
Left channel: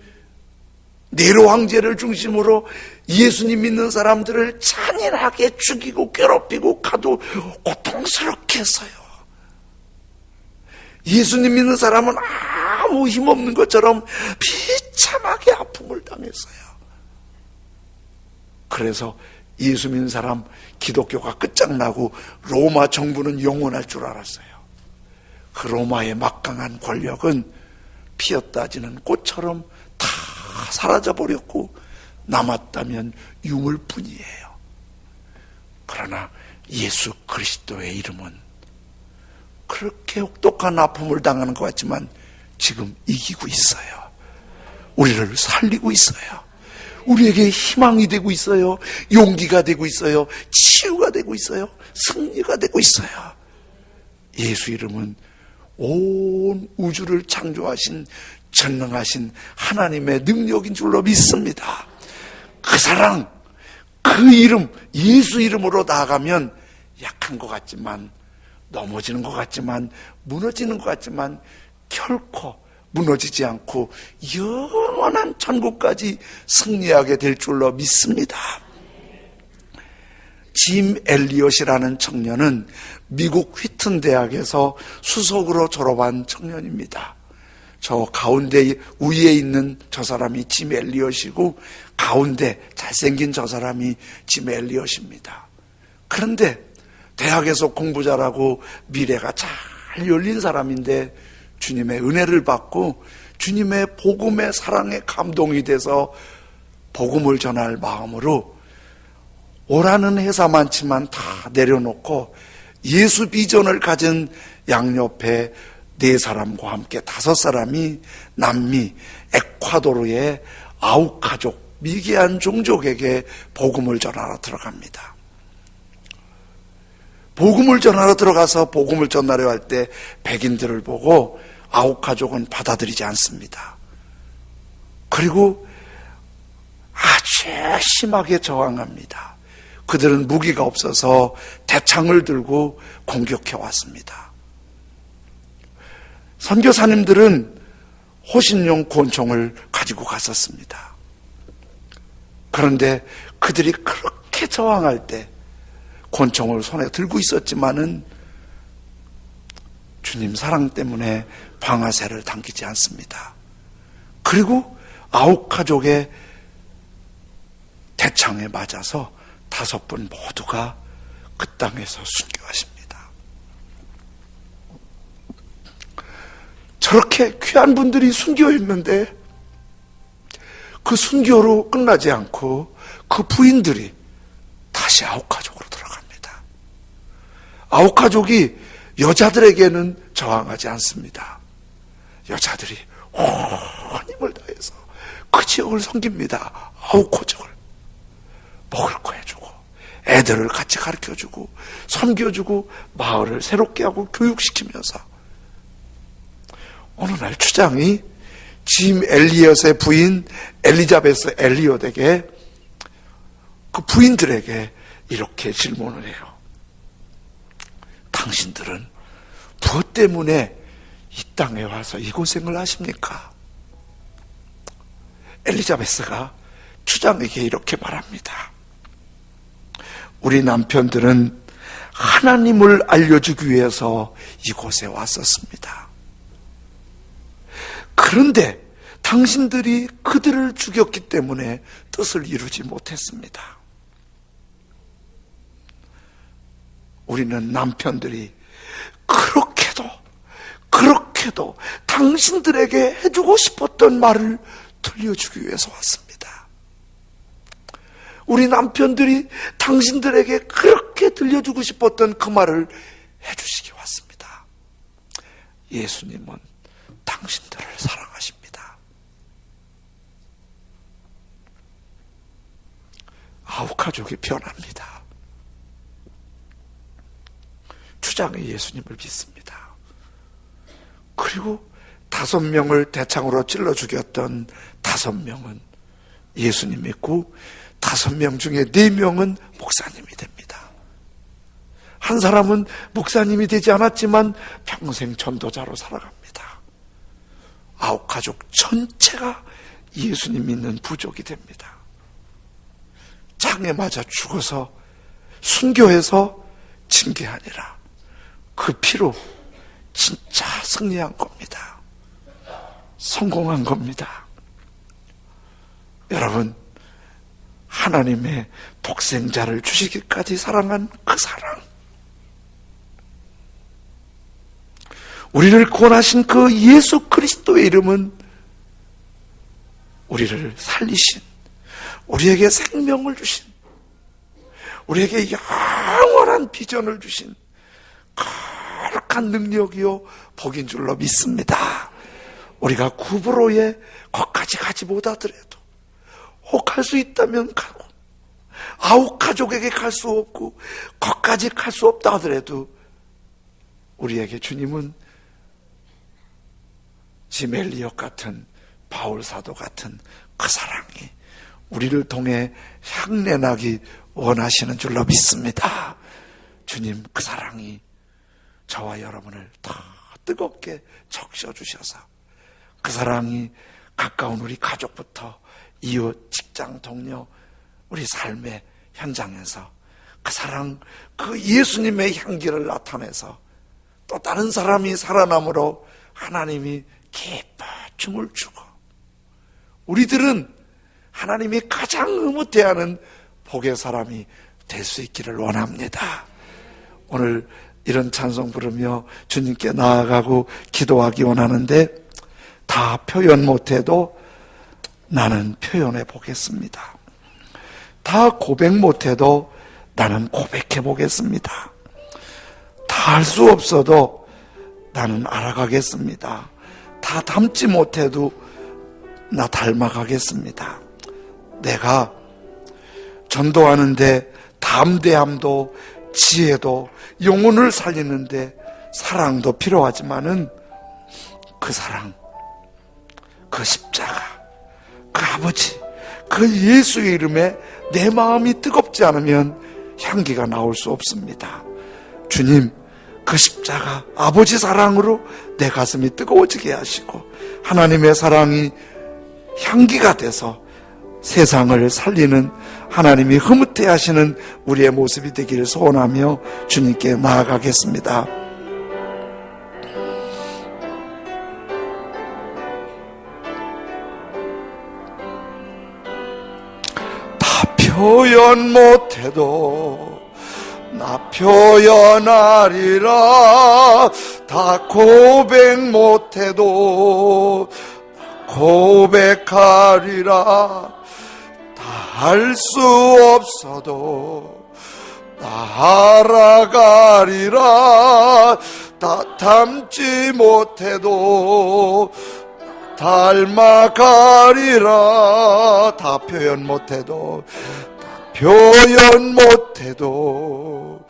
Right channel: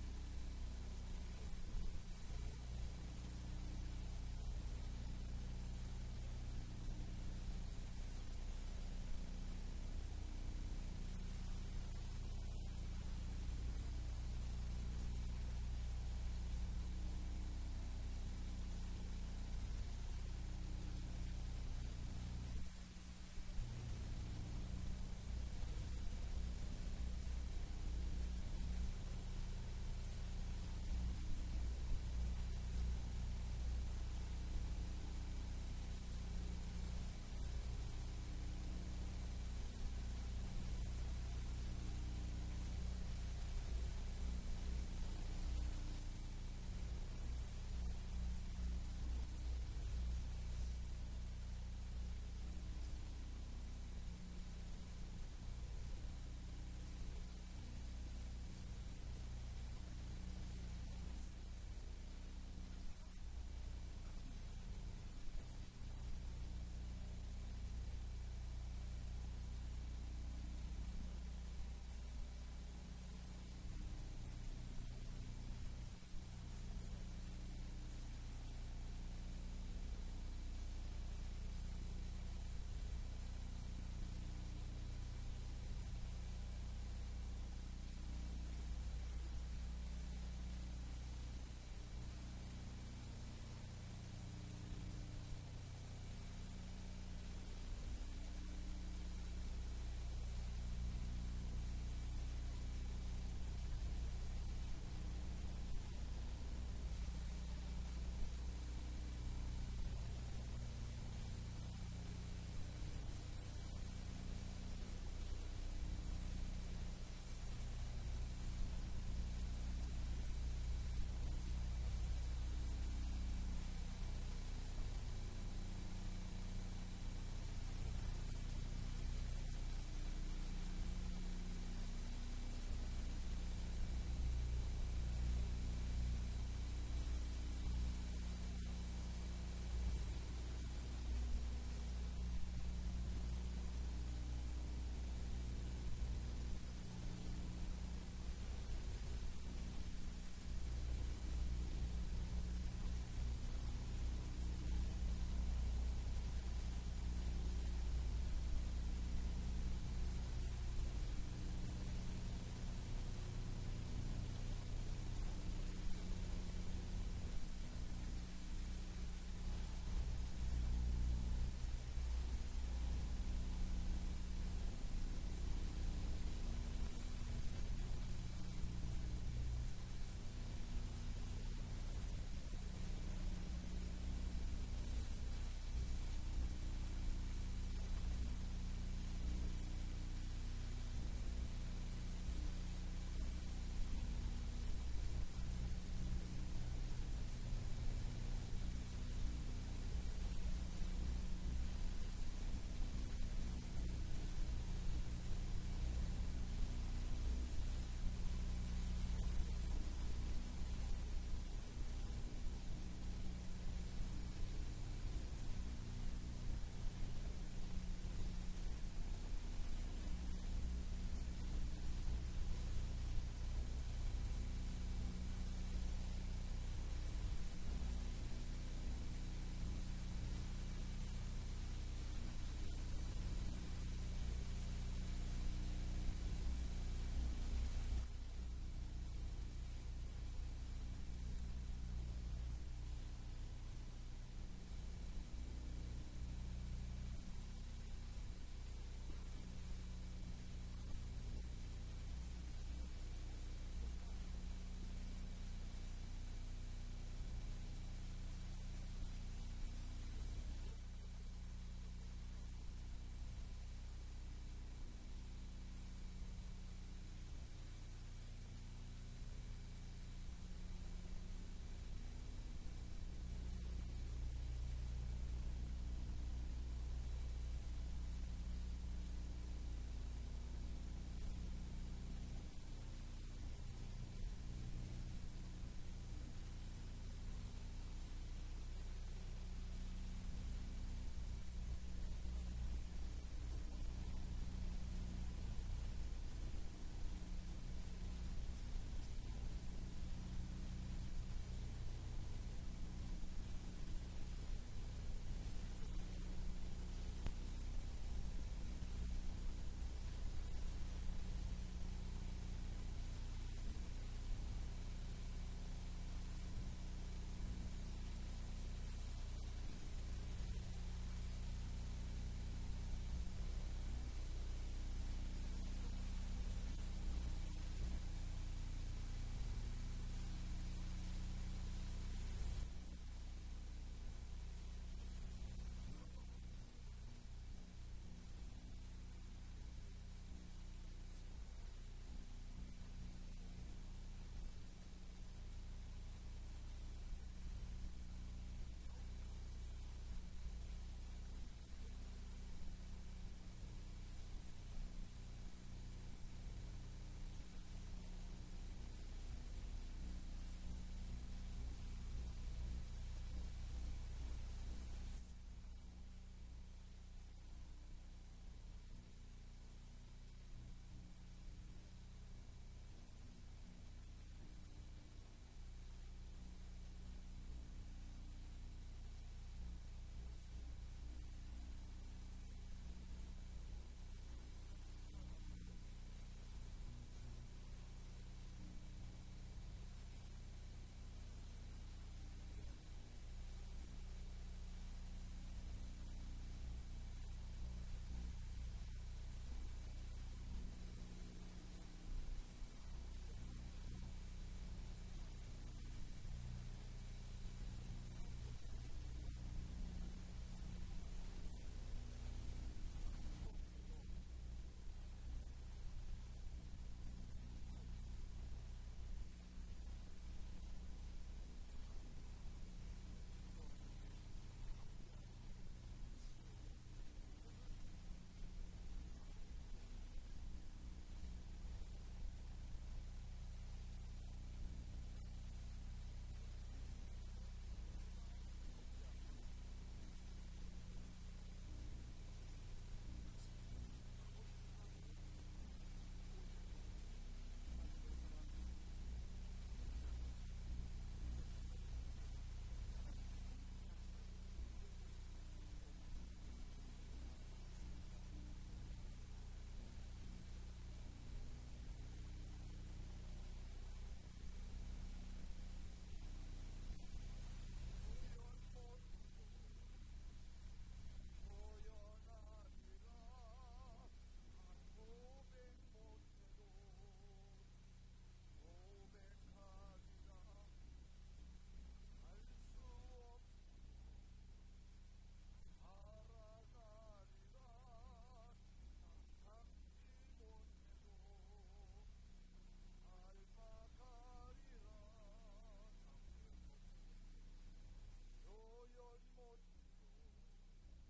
네로 황제를 중심으로 예수님 믿는 사람들을 잔인하게 죽이고 괴롭히고 가도 고통스럽게 했어요. 예수님 믿는 사람은 아무 힘없는 것처럼 비참하게 아픔을 당했어요. 그래서 예수 믿는 사람 기독교가 끝장나고 로마 정부는 영원할 줄 알았어요. 그 로마의 막강한 권력은 피었다 지는 꽃처럼 다 사라져버렸고 남았다면 유물뿐이에요. 그러나 예수 그리스도의 이름은 그렇게 혹독한 아픔을 당하는 것 같지만 지금 이기고 있어요. 우리를 살리고 있어요. 우리에게 희망이 되고 있어요. 용기가 되고 있어요. 치유가 되고 있어요. 승리가 되고 있어요. 예수 이름은 온 우주를 창조하신 전능하신 하나님의 능력인 줄로 믿습니다. 그 사랑, 그 이름, 예수 이름으로 나아가면 약한 것 같지만, 넘어지는 것 같지만, 무너지는 것 같지만 결코 무너지지 않고 영원한 천국까지 승리하게 될 줄로 믿습니다. 짐 엘리엇이라는 청년은 미국 휘튼 대학에서 수석으로 졸업한 청년입니다. 저 가운데 위에 있는 저 사람이 짐 엘리엇이고 가운데 잘생긴 저 사람이 짐 엘리엇입니다. 그런데 대학에서 공부 잘하고 미래가 잘 열린 사람인데 주님의 은혜를 받고 주님의 복음의 사랑에 감동이 돼서 복음을 전할 마음으로 오라는 회사 많지만 다 내려놓고 예수 비전을 가진 양옆에 4사람과 함께 5사람이 남미 에콰도르의 아우카족 미개한 종족에게 복음을 전하러 들어갑니다. 복음을 전하러 들어가서 복음을 전하려 할 때 백인들을 보고 아우카족은 받아들이지 않습니다. 그리고 아주 심하게 저항합니다. 그들은 무기가 없어서 대창을 들고 공격해 왔습니다. 선교사님들은 호신용 권총을 가지고 갔었습니다. 그런데 그들이 그렇게 저항할 때 권총을 손에 들고 있었지만은 주님 사랑 때문에 방아쇠를 당기지 않습니다. 그리고 아우카족의 대창에 맞아서 5분 모두가 그 땅에서 순교하십니다. 저렇게 귀한 분들이 순교했는데 그 순교로 끝나지 않고 그 부인들이 다시 아우카족으로 들어갑니다. 아우카족이 여자들에게는 저항하지 않습니다. 여자들이 온 힘을 다해서 그 지역을 섬깁니다. 아우카족을 먹을 거 해주고 애들을 같이 가르쳐주고 섬겨주고 마을을 새롭게 하고 교육시키면서 어느 날 추장이 짐 엘리엇의 부인 엘리자베스 엘리엇에게 그 부인들에게 이렇게 질문을 해요. 당신들은 무엇 때문에 이 땅에 와서 이 고생을 하십니까? 엘리자베스가 추장에게 이렇게 말합니다. 우리 남편들은 하나님을 알려주기 위해서 이곳에 왔었습니다. 그런데 당신들이 그들을 죽였기 때문에 뜻을 이루지 못했습니다. 우리는 남편들이 그렇게도 당신들에게 해주고 싶었던 말을 들려주기 위해서 왔습니다. 우리 남편들이 당신들에게 그렇게 들려주고 싶었던 그 말을 해주시기 왔습니다. 예수님은 당신들을 사랑하십니다. 아우카족이 변합니다. 추장의 예수님을 믿습니다. 그리고 5명을 대창으로 찔러 죽였던 5명은 예수님 믿고 5명 중에 4명은 목사님이 됩니다. 한 사람은 목사님이 되지 않았지만 평생 전도자로 살아갑니다. 아홉 가족 전체가 예수님 믿는 부족이 됩니다. 장에 맞아 죽어서 순교해서 징계하니라. 그 피로 진짜 승리한 겁니다. 성공한 겁니다. 여러분, 하나님의 독생자를 주시기까지 사랑한 그 사랑, 우리를 구원하신 그 예수 그리스도의 이름은 우리를 살리신, 우리에게 생명을 주신, 우리에게 영원한 비전을 주신 거룩한 능력이요 복인 줄로 믿습니다. 우리가 구브로에 거기까지 가지 못하더라도 혹 갈 수 있다면 가고, 아홉 가족에게 갈 수 없고 거기까지 갈 수 없다 하더라도 우리에게 주님은 지멜리역 같은, 바울 사도 같은 그 사랑이 우리를 통해 향내나기 원하시는 줄로 믿습니다. 주님 그 사랑이 저와 여러분을 더 뜨겁게 적셔주셔서 그 사랑이 가까운 우리 가족부터 이웃, 직장, 동료, 우리 삶의 현장에서 그 사랑, 그 예수님의 향기를 나타내서 또 다른 사람이 살아남으로 하나님이 기뻐 춤을 추고, 우리들은 하나님이 가장 흐뭇해하는 복의 사람이 될 수 있기를 원합니다. 오늘 이런 찬송 부르며 주님께 나아가고 기도하기 원하는데, 다 표현 못해도 나는 표현해 보겠습니다. 다 고백 못해도 나는 고백해 보겠습니다. 다 할 수 없어도 나는 알아가겠습니다. 다 닮지 못해도 나 닮아가겠습니다. 내가 전도하는데 담대함도 지혜도 영혼을 살리는데 사랑도 필요하지만은 그 사랑, 그 십자가, 그 아버지, 그 예수의 이름에 내 마음이 뜨겁지 않으면 향기가 나올 수 없습니다. 주님, 그 십자가, 아버지 사랑으로 내 가슴이 뜨거워지게 하시고 하나님의 사랑이 향기가 돼서 세상을 살리는, 하나님이 흐뭇해 하시는 우리의 모습이 되기를 소원하며 주님께 나아가겠습니다. 다 표현 못해도 나 표현하리라. 다 고백 못해도 고백하리라. 다 할 수 없어도 나 알아가리라. 다 닮지 못해도 닮아가리라. 다 표현 못해도, 표현 못해도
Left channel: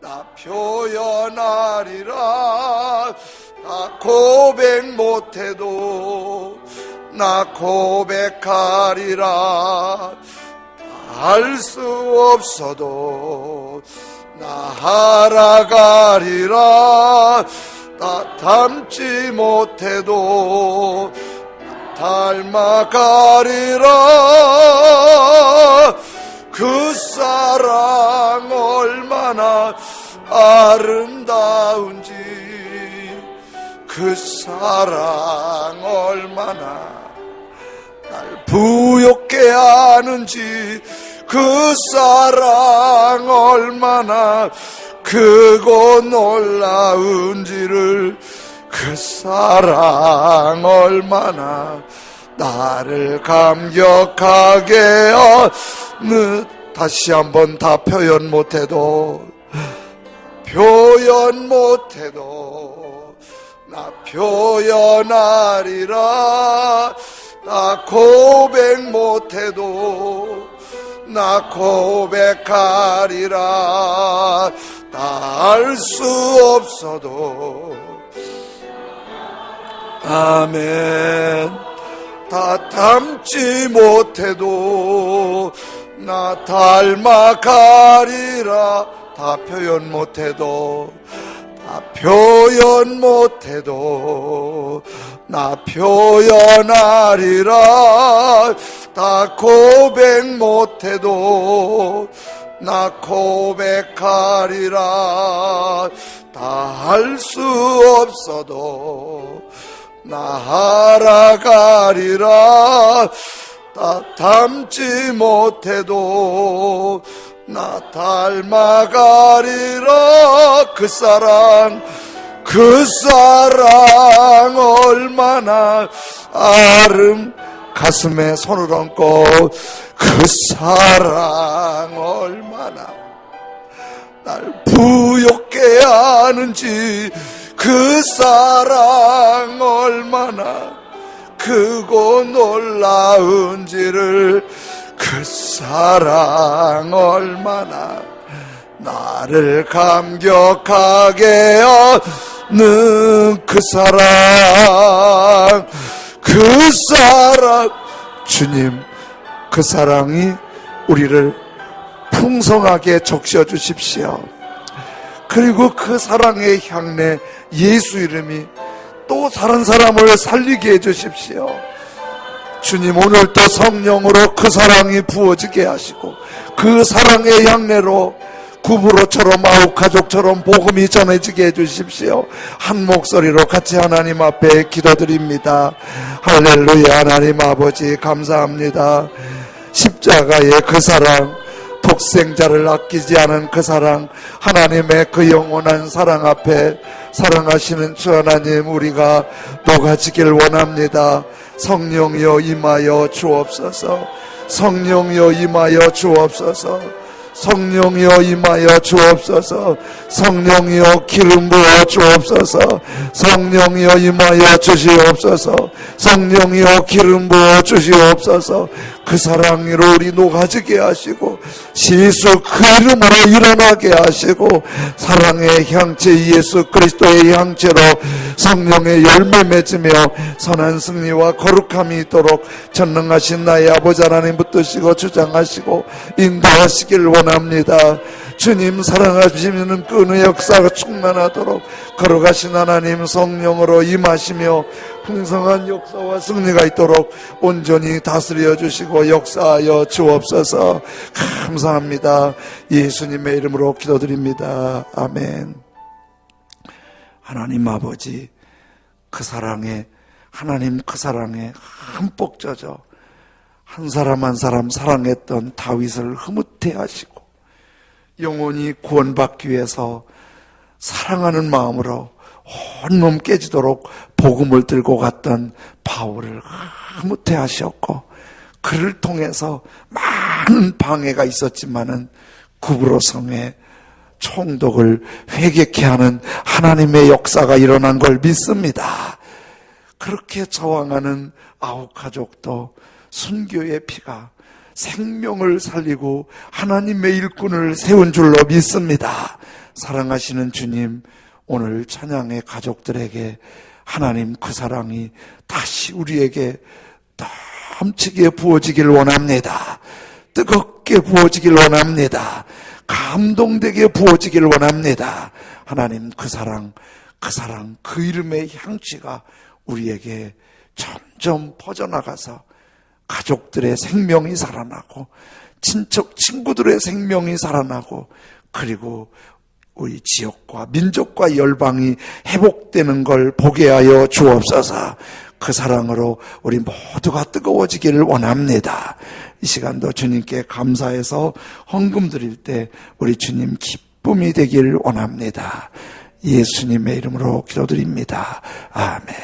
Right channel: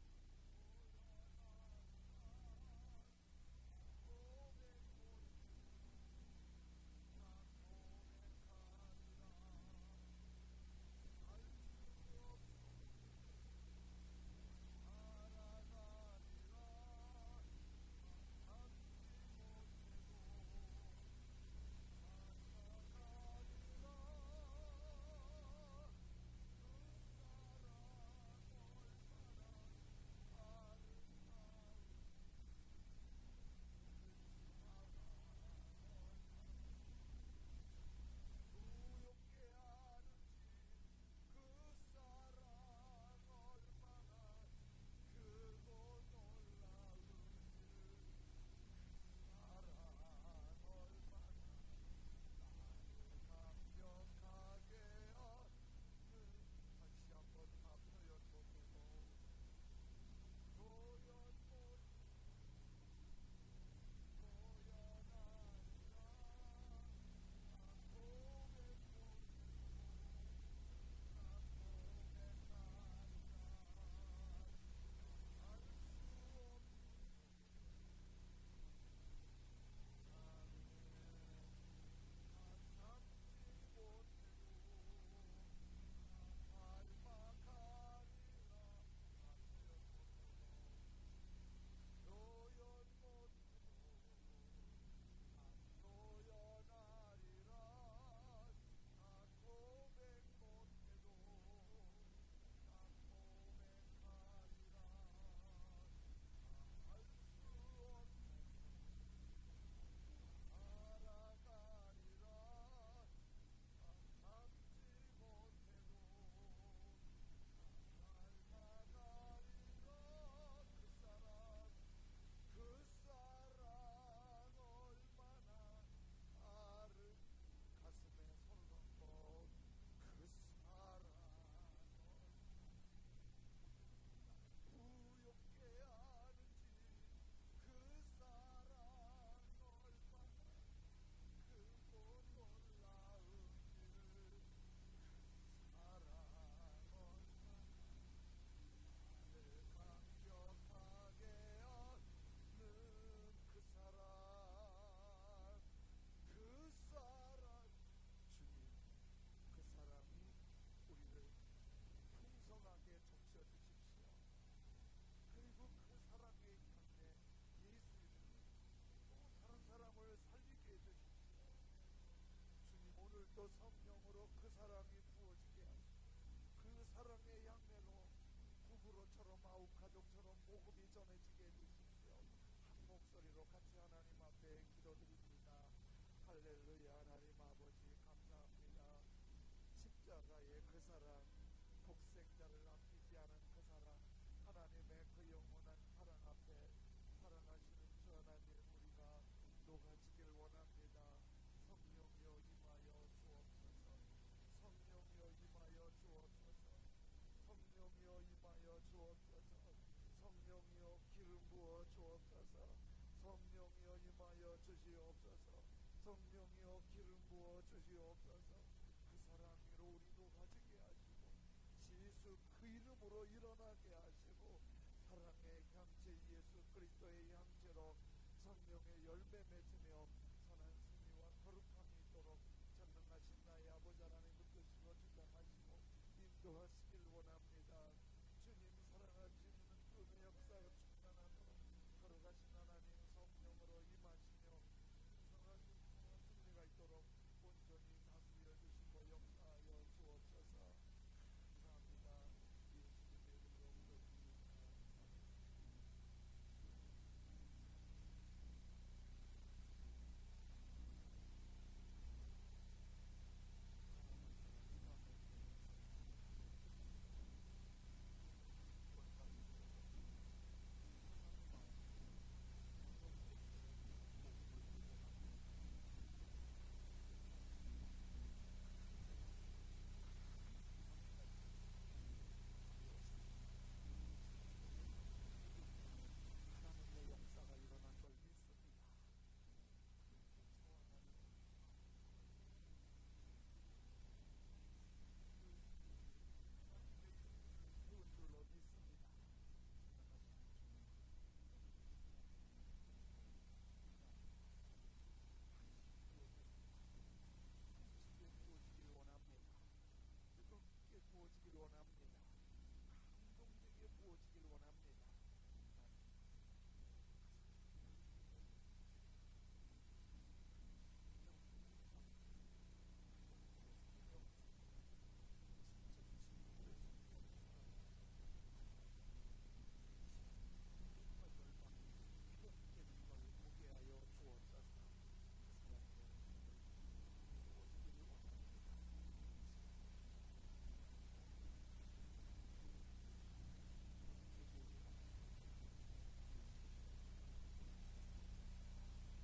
나 표현하리라. 나 고백 못해도 나 고백하리라. 알 수 없어도 나 알아가리라. 나 닮지 못해도 닮아가리라. 그 사랑 얼마나 아름다운지, 그 사랑 얼마나 날 부욕게 하는지, 그 사랑 얼마나 크고 놀라운지를, 그 사랑 얼마나 나를 감격하게 하는. 다시 한번 다 표현 못해도, 표현 못해도 나 표현하리라. 나 고백 못해도 나 고백하리라. 다 알 수 없어도, 아멘. 다 닮지 못해도 나 닮아가리라. 다 표현 못해도 표현 못해도 나 표현하리라. 다 고백 못해도 나 고백하리라. 다 할 수 없어도 나 알아가리라. 다 닮지 못해도 나 닮아가리라. 그 사랑 얼마나 가슴에 손을 얹고 그 사랑 얼마나 날 부욕게 하는지, 그 사랑 얼마나 크고 놀라운지를, 그 사랑 얼마나 나를 감격하게 하는 그 사랑, 그 사랑. 주님, 그 사랑이 우리를 풍성하게 적셔 주십시오. 그리고 그 사랑의 향내 예수 이름이 또 다른 사람을 살리게 해 주십시오. 주님, 오늘도 성령으로 그 사랑이 부어지게 하시고 그 사랑의 향내로 구부로처럼 아웃가족처럼 복음이 전해지게 해주십시오. 한 목소리로 같이 하나님 앞에 기도드립니다. 할렐루야. 하나님 아버지 감사합니다. 십자가의 그 사랑, 독생자를 아끼지 않은 그 사랑, 하나님의 그 영원한 사랑 앞에 사랑하시는 주 하나님, 우리가 녹아지길 원합니다. 성령이여 임하여 주옵소서. 성령이여 임하여 주옵소서. 성령이여 임하여 주옵소서. 성령이여 기름 부어 주옵소서. 성령이여 임하여 주시옵소서. 성령이여 기름 부어 주시옵소서. 그 사랑으로 우리 녹아지게 하시고 시수 그 이름으로 일어나게 하시고 사랑의 향체 예수 그리스도의 향체로 성령의 열매 맺으며 선한 승리와 거룩함이 있도록 전능하신 나의 아버지 하나님 붙드시고 주장하시고 인도하시길 원합니다. 주님, 사랑하시는 그 은혜의 역사가 충만하도록 걸어가신 하나님 성령으로 임하시며 풍성한 역사와 승리가 있도록 온전히 다스려 주시고 역사하여 주옵소서. 감사합니다. 예수님의 이름으로 기도드립니다. 아멘. 하나님 아버지, 그 사랑에, 하나님 그 사랑에 흠뻑 젖어 한 사람 한 사람 사랑했던 다윗을 흐뭇해 하시고 영원히 구원받기 위해서 사랑하는 마음으로 온몸 깨지도록 복음을 들고 갔던 바울을 흐뭇해 하셨고 그를 통해서 많은 방해가 있었지만은 구브로 성에 총독을 회개케 하는 하나님의 역사가 일어난 걸 믿습니다. 그렇게 저항하는 아홉 가족도 순교의 피가 생명을 살리고 하나님의 일꾼을 세운 줄로 믿습니다. 사랑하시는 주님, 오늘 찬양의 가족들에게 하나님 그 사랑이 다시 우리에게 넘치게 부어지길 원합니다. 뜨겁게 부어지길 원합니다. 감동되게 부어지길 원합니다. 하나님 그 사랑, 그 이름의 향취가 우리에게 점점 퍼져나가서 가족들의 생명이 살아나고 친척 친구들의 생명이 살아나고 그리고 우리 지역과 민족과 열방이 회복되는 걸 보게 하여 주옵소서. 그 사랑으로 우리 모두가 뜨거워지기를 원합니다. 이 시간도 주님께 감사해서 헌금 드릴 때 우리 주님 기쁨이 되기를 원합니다. 예수님의 이름으로 기도드립니다. 아멘.